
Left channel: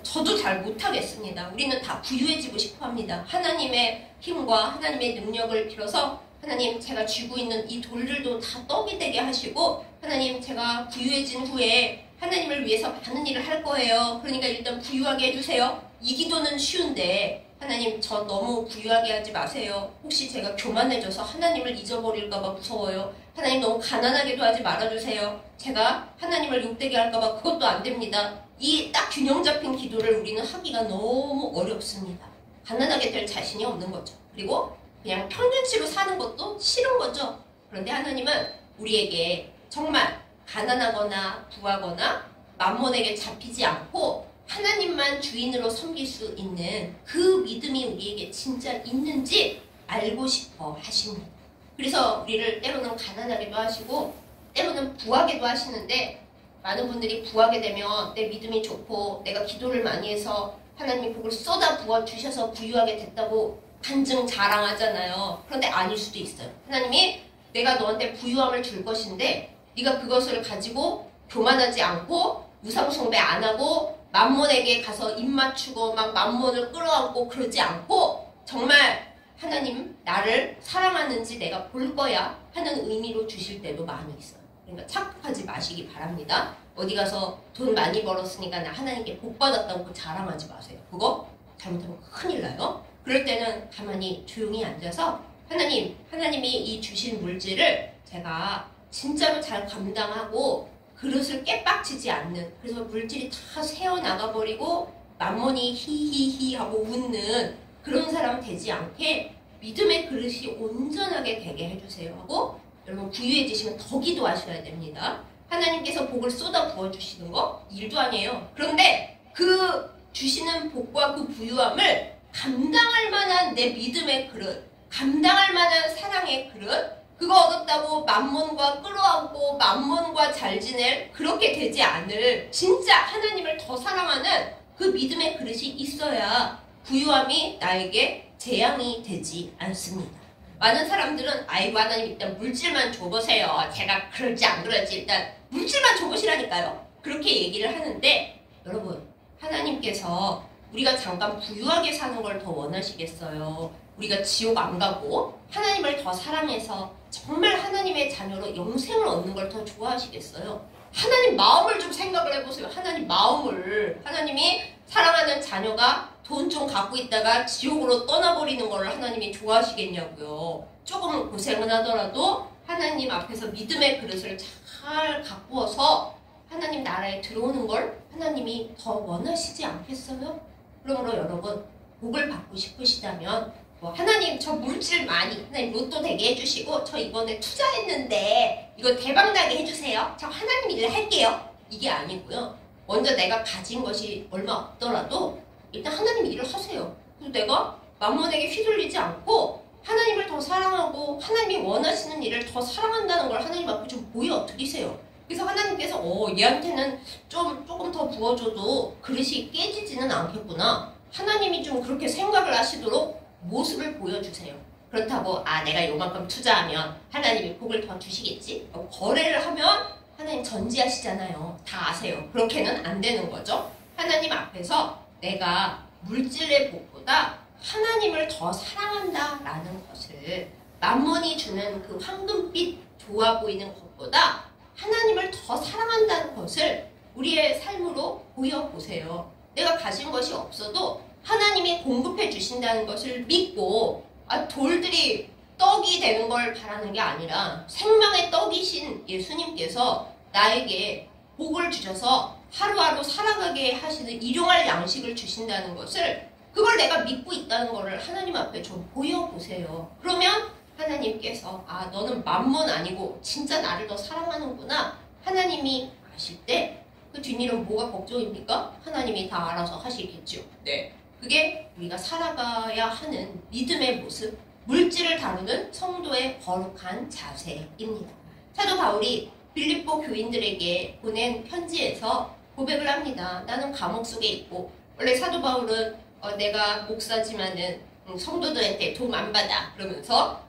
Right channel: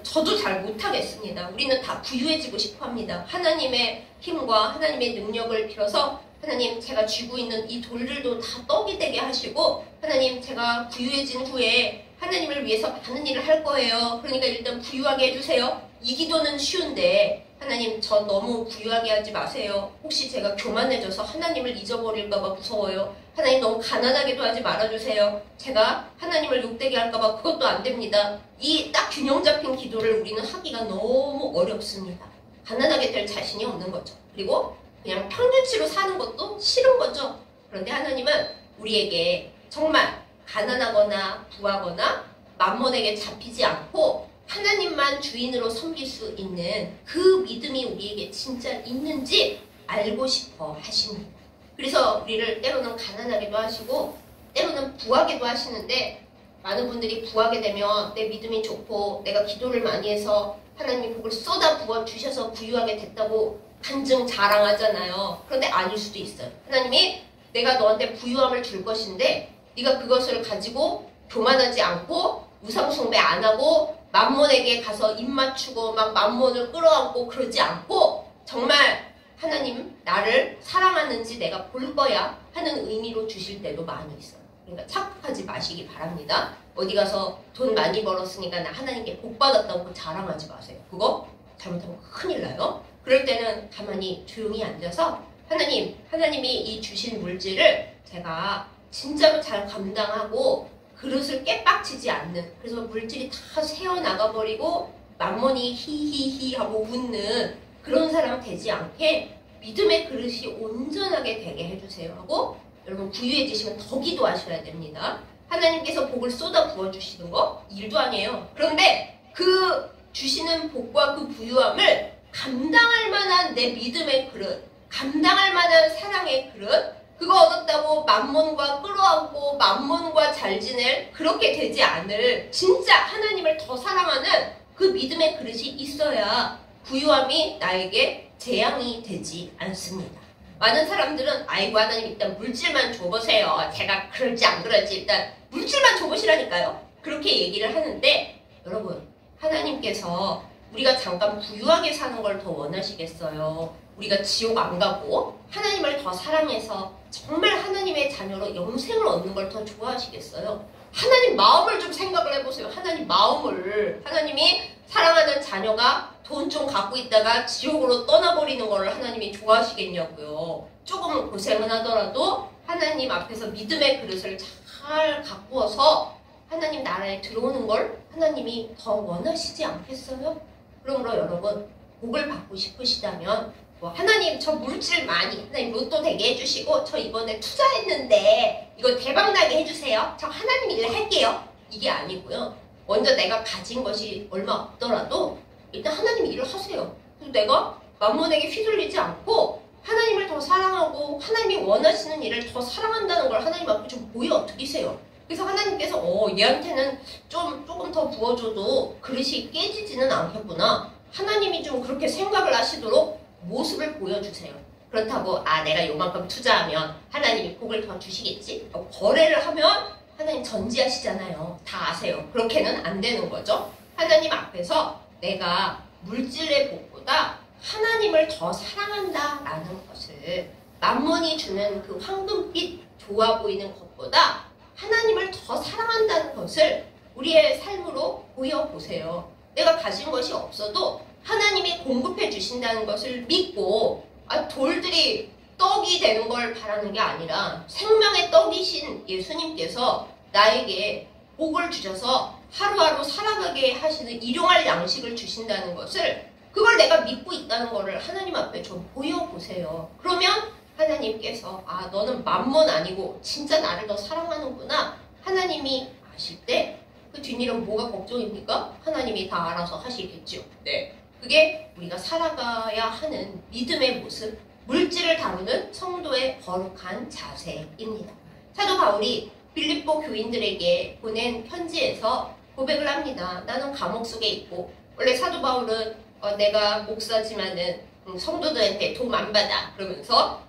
저도 잘 못하겠습니다. 우리는 다 부유해지고 싶어 합니다. 하나님의 힘과 하나님의 능력을 빌어서 하나님 제가 쥐고 있는 이 돌들도 다 떡이 되게 하시고 하나님 제가 부유해진 후에 하나님을 위해서 많은 일을 할 거예요. 그러니까 일단 부유하게 해주세요. 이 기도는 쉬운데 하나님 저 너무 부유하게 하지 마세요. 혹시 제가 교만해져서 하나님을 잊어버릴까봐 무서워요. 하나님 너무 가난하게도 하지 말아주세요. 제가 하나님을 욕되게 할까봐 그것도 안 됩니다. 이 딱 균형 잡힌 기도를 우리는 하기가 너무 어렵습니다. 가난하게 될 자신이 없는 거죠. 그리고 그냥 평균치로 사는 것도 싫은 거죠. 그런데 하나님은 우리에게 정말 가난하거나 부하거나 만몬에게 잡히지 않고 하나님만 주인으로 섬길 수 있는 그 믿음이 우리에게 진짜 있는지 알고 싶어 하십니다. 그래서 우리를 때로는 가난하게도 하시고 때로는 부하게도 하시는데 많은 분들이 부하게 되면 내 믿음이 좋고 내가 기도를 많이 해서 하나님이 그걸 쏟아 부어주셔서 부유하게 됐다고 간증 자랑하잖아요. 그런데 아닐 수도 있어요. 하나님이 내가 너한테 부유함을 줄 것인데 네가 그것을 가지고 교만하지 않고 우상숭배 안 하고 만몬에게 가서 입 맞추고 막 만몬을 끌어안고 그러지 않고 정말 하나님 나를 사랑하는지 내가 볼 거야 하는 의미로 주실 때도 많이 있어요. 그러니까 착각하지 마시기 바랍니다. 어디 가서 돈 많이 벌었으니까 나 하나님께 복 받았다고 자랑하지 마세요. 그거 잘못하면 큰일 나요. 그럴 때는 가만히 조용히 앉아서 하나님이 이 주신 물질을 제가 진짜로 잘 감당하고 그릇을 깨빡치지 않는 그래서 물질이 다 새어나가버리고 만몬이 히히히 하고 웃는 그런 사람 되지 않게 믿음의 그릇이 온전하게 되게 해주세요 하고 여러분 부유해지시면 더 기도하셔야 됩니다. 하나님께서 복을 쏟아 부어주시는 거 일도 아니에요. 그런데 그 주시는 복과 그 부유함을 감당할 만한 내 믿음의 그릇, 감당할 만한 사랑의 그릇, 그거 얻었다고 만몬과 끌어안고 만몬과 잘 지낼 그렇게 되지 않을 진짜 하나님을 더 사랑하는 그 믿음의 그릇이 있어야 부유함이 나에게 재앙이 되지 않습니다. 많은 사람들은 아이고 하나님 일단 물질만 줘보세요. 제가 그럴지 안 그럴지 일단 물질만 줘보시라니까요. 그렇게 얘기를 하는데 여러분 하나님께서 우리가 잠깐 부유하게 사는 걸 더 원하시겠어요? 우리가 지옥 안 가고 하나님을 더 사랑해서 정말 하나님의 자녀로 영생을 얻는 걸 더 좋아하시겠어요? 하나님 마음을 좀 생각을 해보세요. 하나님 마음을 하나님이 사랑하는 자녀가 돈 좀 갖고 있다가 지옥으로 떠나버리는 걸 하나님이 좋아하시겠냐고요. 조금은 고생은 하더라도 하나님 앞에서 믿음의 그릇을 잘 가꾸어서 하나님 나라에 들어오는 걸 하나님이 더 원하시지 않겠어요? 그러므로 여러분 복을 받고 싶으시다면 하나님 저 물질 많이 하나님 로또 되게 해주시고 저 이번에 투자했는데 이거 대박나게 해주세요. 저 하나님 일 할게요. 이게 아니고요. 먼저 내가 가진 것이 얼마 없더라도 일단 하나님 일을 하세요. 그리고 내가 만몬에게 휘둘리지 않고 하나님을 더 사랑하고 하나님이 원하시는 일을 더 사랑한다는 걸 하나님 앞에 좀 보여드리세요. 그래서 하나님께서 얘한테는 조금 더 부어줘도 그릇이 깨지지는 않겠구나. 하나님이 좀 그렇게 생각을 하시도록 모습을 보여주세요. 그렇다고 내가 요만큼 투자하면 하나님이 복을 더 주시겠지? 거래를 하면 하나님 전지하시잖아요. 다 아세요. 그렇게는 안 되는 거죠. 하나님 앞에서 내가 물질의 복보다 하나님을 더 사랑한다라는 것을 만몬이 주는 그 황금빛 좋아 보이는 것보다 하나님을 더 사랑한다는 것을 우리의 삶으로 보여보세요. 내가 가진 것이 없어도 하나님이 공급해 주신다는 것을 믿고 돌들이 떡이 되는 걸 바라는 게 아니라 생명의 떡이신 예수님께서 나에게 복을 주셔서 하루하루 살아가게 하시는 일용할 양식을 주신다는 것을 그걸 내가 믿고 있다는 것을 하나님 앞에 좀 보여보세요. 그러면 하나님께서 너는 만몬 아니고 진짜 나를 더 사랑하는구나. 하나님이 아실 때 그 뒷일은 뭐가 걱정입니까? 하나님이 다 알아서 하시겠죠. 네, 그게 우리가 살아가야 하는 믿음의 모습, 물질을 다루는 성도의 거룩한 자세입니다. 사도 바울이 빌립보 교인들에게 보낸 편지에서 고백을 합니다. 나는 감옥 속에 있고, 원래 사도 바울은 내가 목사지만은 성도들한테 돈 안 받아 그러면서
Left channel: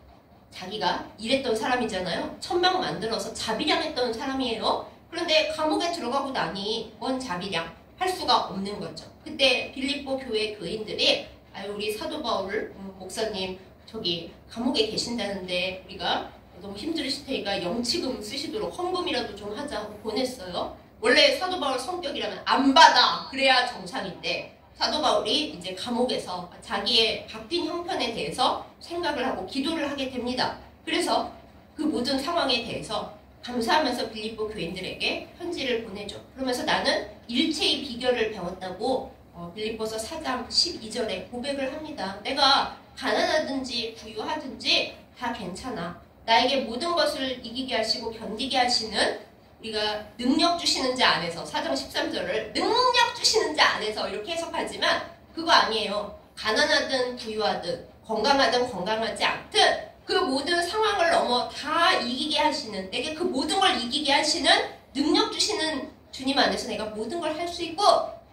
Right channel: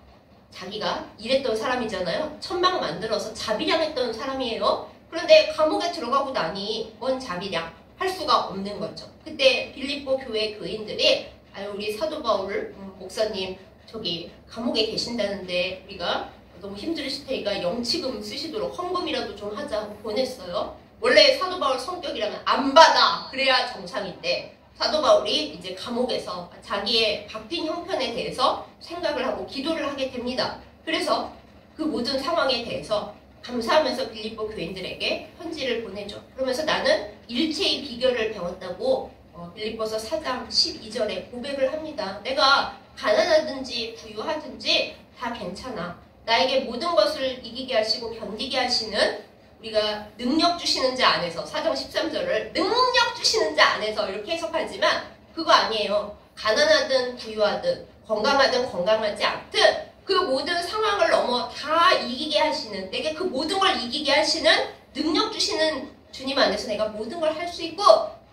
자기가 일했던 사람이잖아요. 천막 만들어서 자비량했던 사람이에요. 그런데 감옥에 들어가고 나니 뭔 자비량 할 수가 없는 거죠. 그때 빌립보 교회 교인들이 우리 사도 바울 목사님 저기 감옥에 계신다는데 우리가 너무 힘들으실 테니까 영치금 쓰시도록 헌금이라도 좀 하자 하고 보냈어요. 원래 사도 바울 성격이라면 안 받아 그래야 정상인데 사도 바울이 이제 감옥에서 자기의 바뀐 형편에 대해서 생각을 하고 기도를 하게 됩니다. 그래서 그 모든 상황에 대해서 감사하면서 빌립보 교인들에게 편지를 보내죠. 그러면서 나는 일체의 비결을 배웠다고 빌립보서 4장 12절에 고백을 합니다. 내가 가난하든지 부유하든지 다 괜찮아. 나에게 모든 것을 이기게 하시고 견디게 하시는 우리가 능력 주시는 자 안에서 4장 13절을 능력 주시는 자 안에서 이렇게 해석하지만 그거 아니에요. 가난하든 부유하든 건강하든 건강하지 않든 그 모든 상황을 넘어 다 이기게 하시는 내게 그 모든 걸 이기게 하시는 능력 주시는 주님 안에서 내가 모든 걸 할 수 있고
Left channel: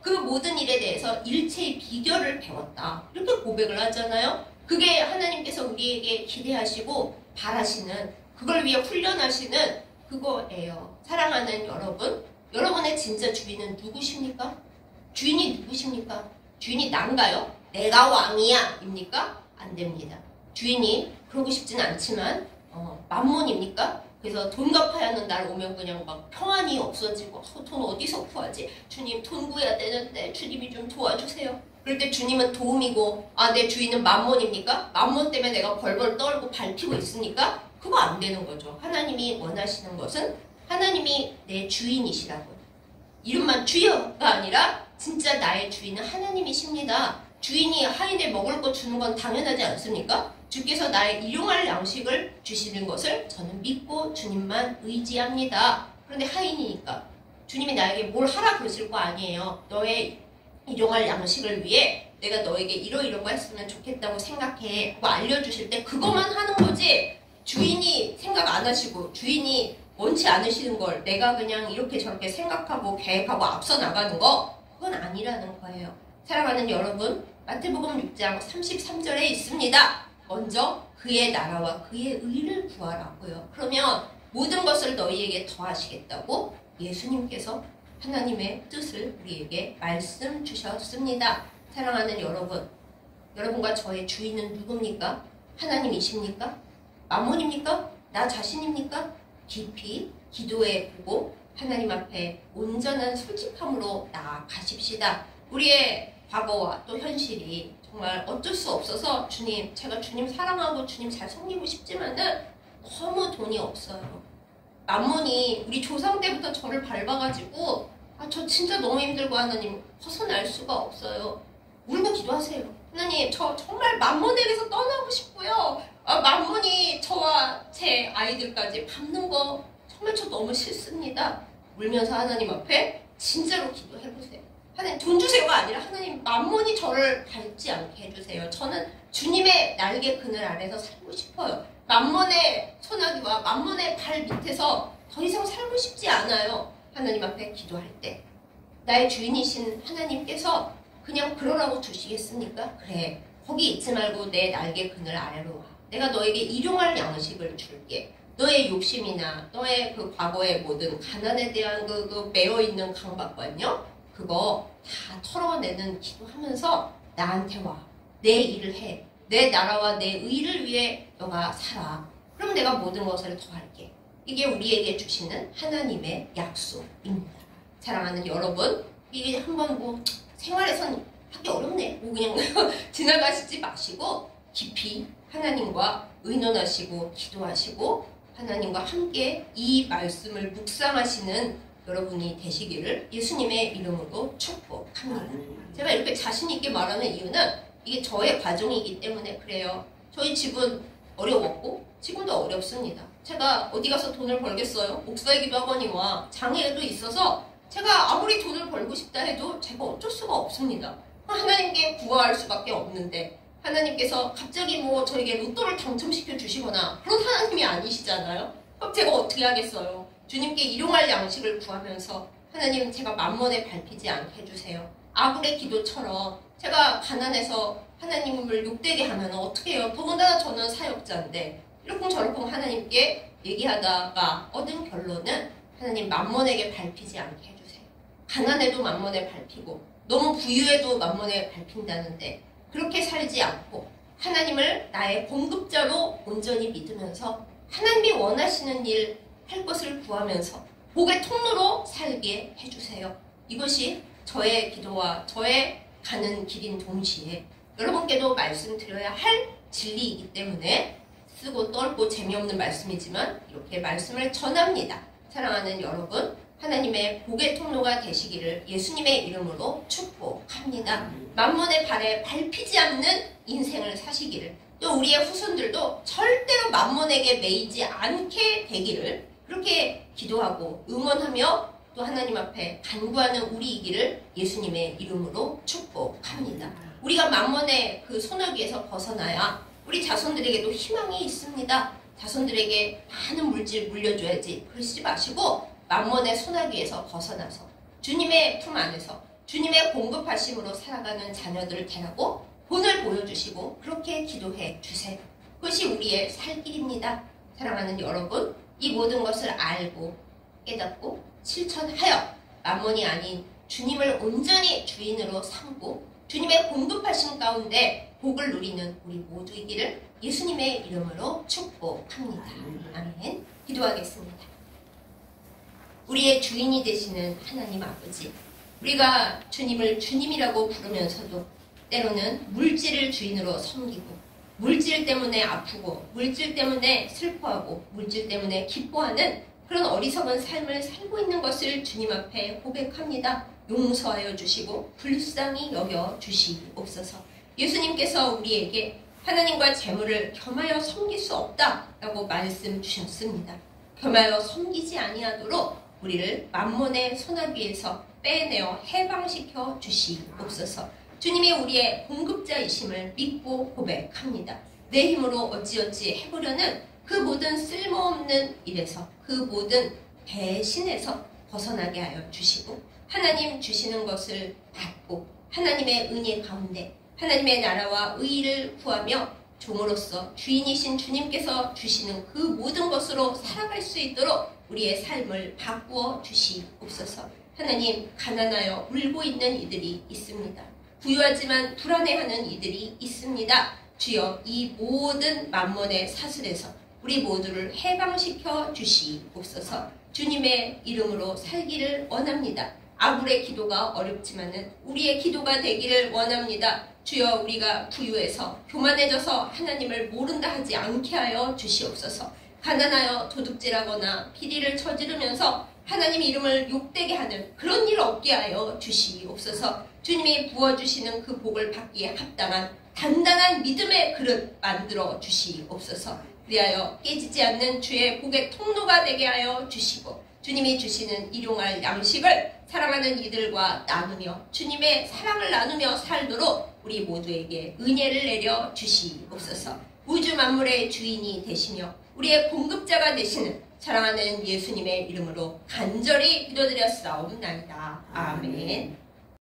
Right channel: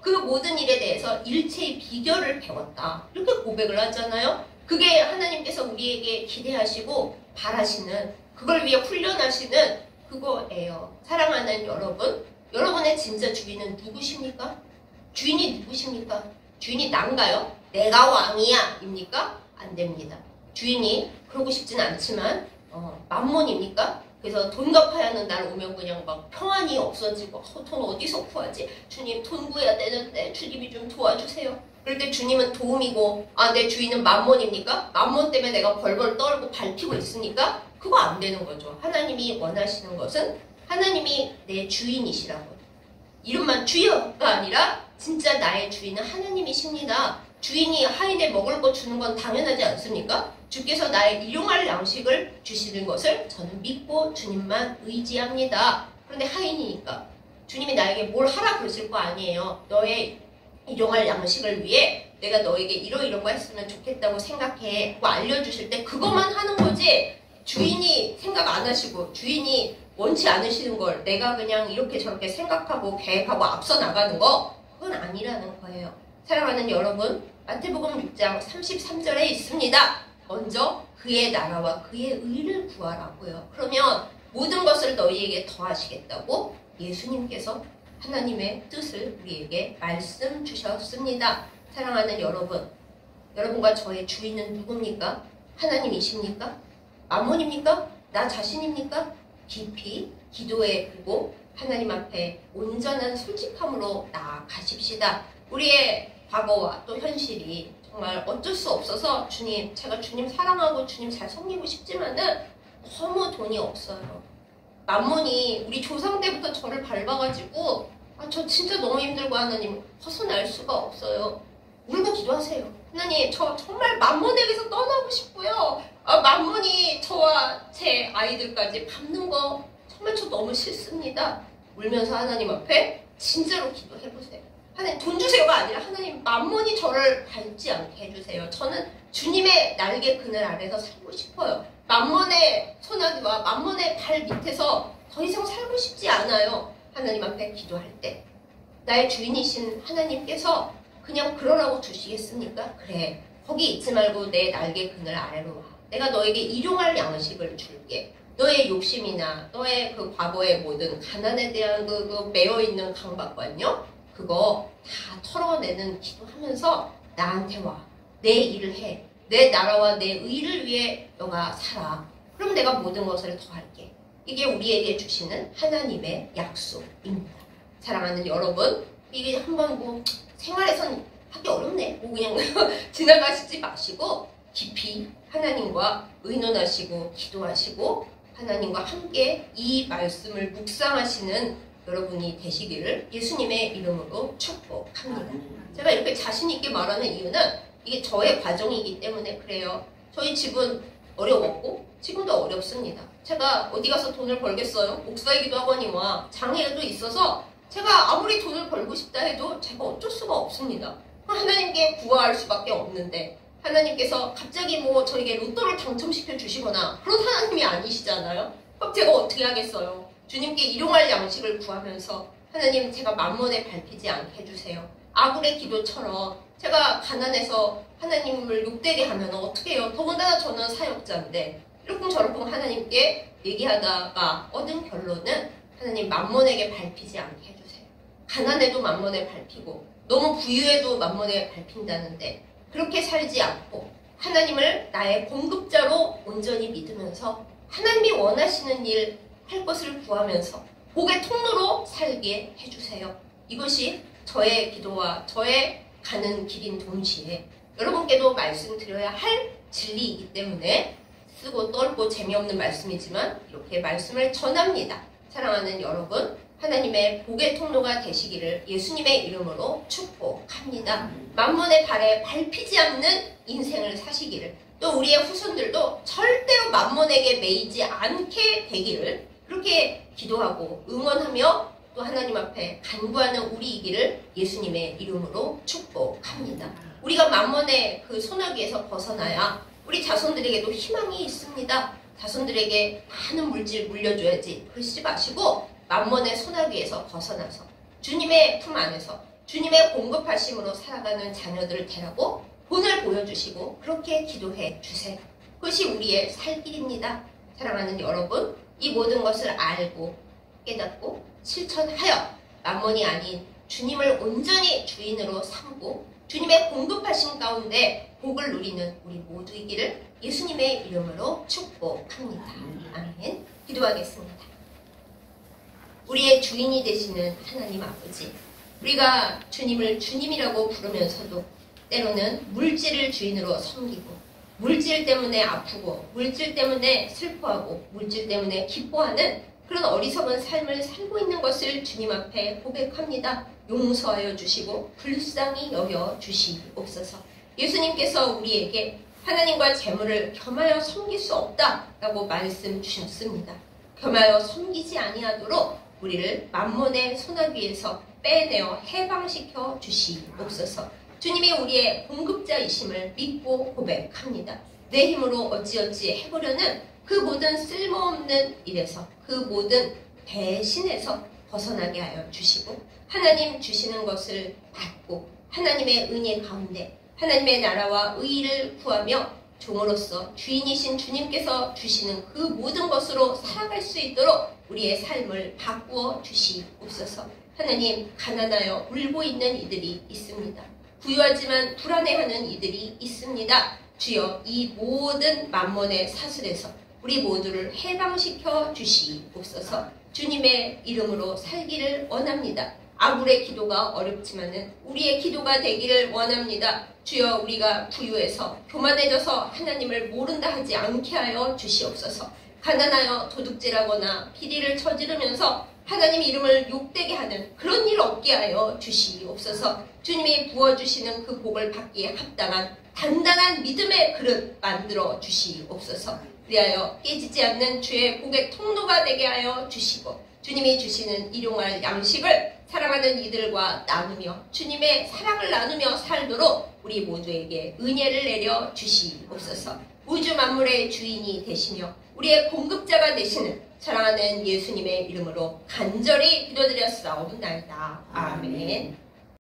그 모든 일에 대해서 일체의 비결을 배웠다. 이렇게 고백을 하잖아요. 그게 하나님께서 우리에게 기대하시고 바라시는 그걸 위해 훈련하시는 그거예요. 사랑하는 여러분, 여러분의 진짜 주인은 누구십니까? 주인이 누구십니까? 주인이 난가요? 내가 왕이야 입니까? 안 됩니다. 주인이 그러고 싶지는 않지만 만몬입니까? 그래서 돈 갚아야 하는 날 오면 그냥 막 평안이 없어지고 돈 어디서 구하지? 주님 돈 구해야 되는데 주님이 좀 도와주세요. 그럴 때 주님은 도움이고 내 주인은 만몬입니까? 만몬 때문에 내가 벌벌 떨고 밟히고 있으니까 그거 안 되는 거죠. 하나님이 원하시는 것은 하나님이 내 주인이시라고요. 이름만 주여가 아니라 진짜 나의 주인은 하나님이십니다. 주인이 하인에 먹을 거 주는 건 당연하지 않습니까? 주께서 나의 일용할 양식을 주시는 것을 저는 믿고 주님만 의지합니다. 그런데 하인이니까 주님이 나에게 뭘 하라 그러실 거 아니에요. 너의 일용할 양식을 위해 내가 너에게 이런 거 했으면 좋겠다고 생각해 하고 알려주실 때 그것만 하는 거지 주인이 생각 안 하시고 주인이 원치 않으시는 걸 내가 그냥 이렇게 저렇게 생각하고 계획하고 앞서 나가는 거 그건 아니라는 거예요. 사랑하는 여러분, 마태복음 6장 33절에 있습니다. 먼저 그의 나라와 그의 의를 구하라고요. 그러면 모든 것을 너희에게 더하시겠다고 예수님께서 하나님의 뜻을 우리에게 말씀 주셨습니다. 사랑하는 여러분, 여러분과 저의 주인은 누굽니까? 하나님이십니까? 만몬입니까? 나 자신입니까? 깊이 기도해 보고 하나님 앞에 온전한 솔직함으로 나아가십시다. 우리의 과거와 또 현실이 정말 어쩔 수 없어서 주님, 제가 주님 사랑하고 주님 잘 섬기고 싶지만은 너무 돈이 없어요. 만몬이 우리 조상 때부터 저를 밟아가지고 저 진짜 너무 힘들고 하나님 벗어날 수가 없어요. 울고 기도하세요. 하나님 저 정말 만몬에게서 떠나고 싶고요. 만몬이 저와 제 아이들까지 밟는 거 정말 저 너무 싫습니다. 울면서 하나님 앞에 진짜로 기도해보세요. 하나님 돈 주세요가 아니라 하나님 만몬이 저를 밟지 않게 해주세요. 저는 주님의 날개 그늘 아래서 살고 싶어요. 만몬의 소나기와 만몬의 발 밑에서 더 이상 살고 싶지 않아요. 하나님 앞에 기도할 때 나의 주인이신 하나님께서 그냥 그러라고 주시겠습니까? 그래, 거기 있지 말고 내 날개 그늘 아래로 와. 내가 너에게 일용할 양식을 줄게. 너의 욕심이나 너의 그 과거의 모든 가난에 대한 그 매여있는 강박관요, 그거 다 털어내는 기도하면서 나한테 와. 내 일을 해. 내 나라와 내 의를 위해 너가 살아. 그럼 내가 모든 것을 더할게. 이게 우리에게 주시는 하나님의 약속입니다. 사랑하는 여러분, 이게 한번 생활에선 하기 어렵네. 뭐 그냥 지나가시지 마시고 깊이 하나님과 의논하시고 기도하시고 하나님과 함께 이 말씀을 묵상하시는 여러분이 되시기를 예수님의 이름으로 축복합니다. 제가 이렇게 자신 있게 말하는 이유는 이게 저의 과정이기 때문에 그래요. 저희 집은 어려웠고 지금도 어렵습니다. 제가 어디 가서 돈을 벌겠어요? 목사이기도 하거니와 장애도 있어서 제가 아무리 돈을 벌고 싶다 해도 제가 어쩔 수가 없습니다. 하나님께 구할 수밖에 없는데 하나님께서 갑자기 뭐 저에게 로또를 당첨시켜 주시거나 그런 하나님이 아니시잖아요. 그럼 제가 어떻게 하겠어요? 주님께 일용할 양식을 구하면서 하나님 제가 만몬에 밟히지 않게 해주세요. 아굴의 기도처럼 제가 가난해서 하나님을 욕되게 하면 어떻게 해요? 더군다나 저는 사역자인데 이러쿵저러쿵 하나님께 얘기하다가 얻은 결론은 하나님 만몬에게 밟히지 않게 해주세요. 가난해도 만몬에 밟히고 너무 부유해도 만몬에 밟힌다는데 그렇게 살지 않고 하나님을 나의 공급자로 온전히 믿으면서 하나님이 원하시는 일 할 것을 구하면서 복의 통로로 살게 해주세요. 이것이 저의 기도와 저의 가는 길인 동시에 여러분께도 말씀드려야 할 진리이기 때문에 쓰고 떨고 재미없는 말씀이지만 이렇게 말씀을 전합니다. 사랑하는 여러분, 하나님의 복의 통로가 되시기를 예수님의 이름으로 축복합니다. 만몬의 발에 밟히지 않는 인생을 사시기를, 또 우리의 후손들도 절대로 만몬에게 매이지 않게 되기를 그렇게 기도하고 응원하며 또 하나님 앞에 간구하는 우리이기를 예수님의 이름으로 축복합니다. 우리가 만몬의 그 소나기에서 벗어나야 우리 자손들에게도 희망이 있습니다. 자손들에게 많은 물질 물려줘야지 그러시지 마시고 만몬의 소나기에서 벗어나서 주님의 품 안에서 주님의 공급하심으로 살아가는 자녀들을 대라고 본을 보여주시고 그렇게 기도해 주세요. 그것이 우리의 살 길입니다. 사랑하는 여러분, 이 모든 것을 알고 깨닫고 실천하여 만몬이 아닌 주님을 온전히 주인으로 삼고 주님의 공급하신 가운데 복을 누리는 우리 모두이기를 예수님의 이름으로 축복합니다. 아멘. 기도하겠습니다. 우리의 주인이 되시는 하나님 아버지, 우리가 주님을 주님이라고 부르면서도 때로는 물질을 주인으로 섬기고 물질 때문에 아프고 물질 때문에 슬퍼하고 물질 때문에 기뻐하는 그런 어리석은 삶을 살고 있는 것을 주님 앞에 고백합니다. 용서하여 주시고 불쌍히 여겨 주시옵소서. 예수님께서 우리에게 하나님과 재물을 겸하여 섬길 수 없다라고 말씀 주셨습니다. 겸하여 섬기지 아니하도록 우리를 만몬의 소나기에서 빼내어 해방시켜 주시옵소서. 주님이 우리의 공급자이심을 믿고 고백합니다. 내 힘으로 어찌어찌 해보려는 그 모든 쓸모없는 일에서 그 모든 대신에서 벗어나게 하여 주시고 하나님 주시는 것을 받고 하나님의 은혜 가운데 하나님의 나라와 의의를 구하며 종으로서 주인이신 주님께서 주시는 그 모든 것으로 살아갈 수 있도록 우리의 삶을 바꾸어 주시옵소서. 하나님, 가난하여 울고 있는 이들이 있습니다. 부유하지만 불안해하는 이들이 있습니다. 주여, 이 모든 만몬의 사슬에서 우리 모두를 해방시켜 주시옵소서. 주님의 이름으로 살기를 원합니다. 아굴의 기도가 어렵지만은 우리의 기도가 되기를 원합니다. 주여, 우리가 부유해서 교만해져서 하나님을 모른다 하지 않게 하여 주시옵소서. 가난하여 도둑질하거나 비리를 저지르면서 하나님 이름을 욕되게 하는 그런 일 없게 하여 주시옵소서. 주님이 부어주시는 그 복을 받기에 합당한 단단한 믿음의 그릇 만들어 주시옵소서. 그리하여 깨지지 않는 주의 복의 통로가 되게 하여 주시고 주님이 주시는 일용할 양식을 사랑하는 이들과 나누며 주님의 사랑을 나누며 살도록 우리 모두에게 은혜를 내려 주시옵소서. 우주 만물의 주인이 되시며 우리의 공급자가 되시는 사랑하는 예수님의 이름으로 간절히 기도드렸사옵나이다. 아멘.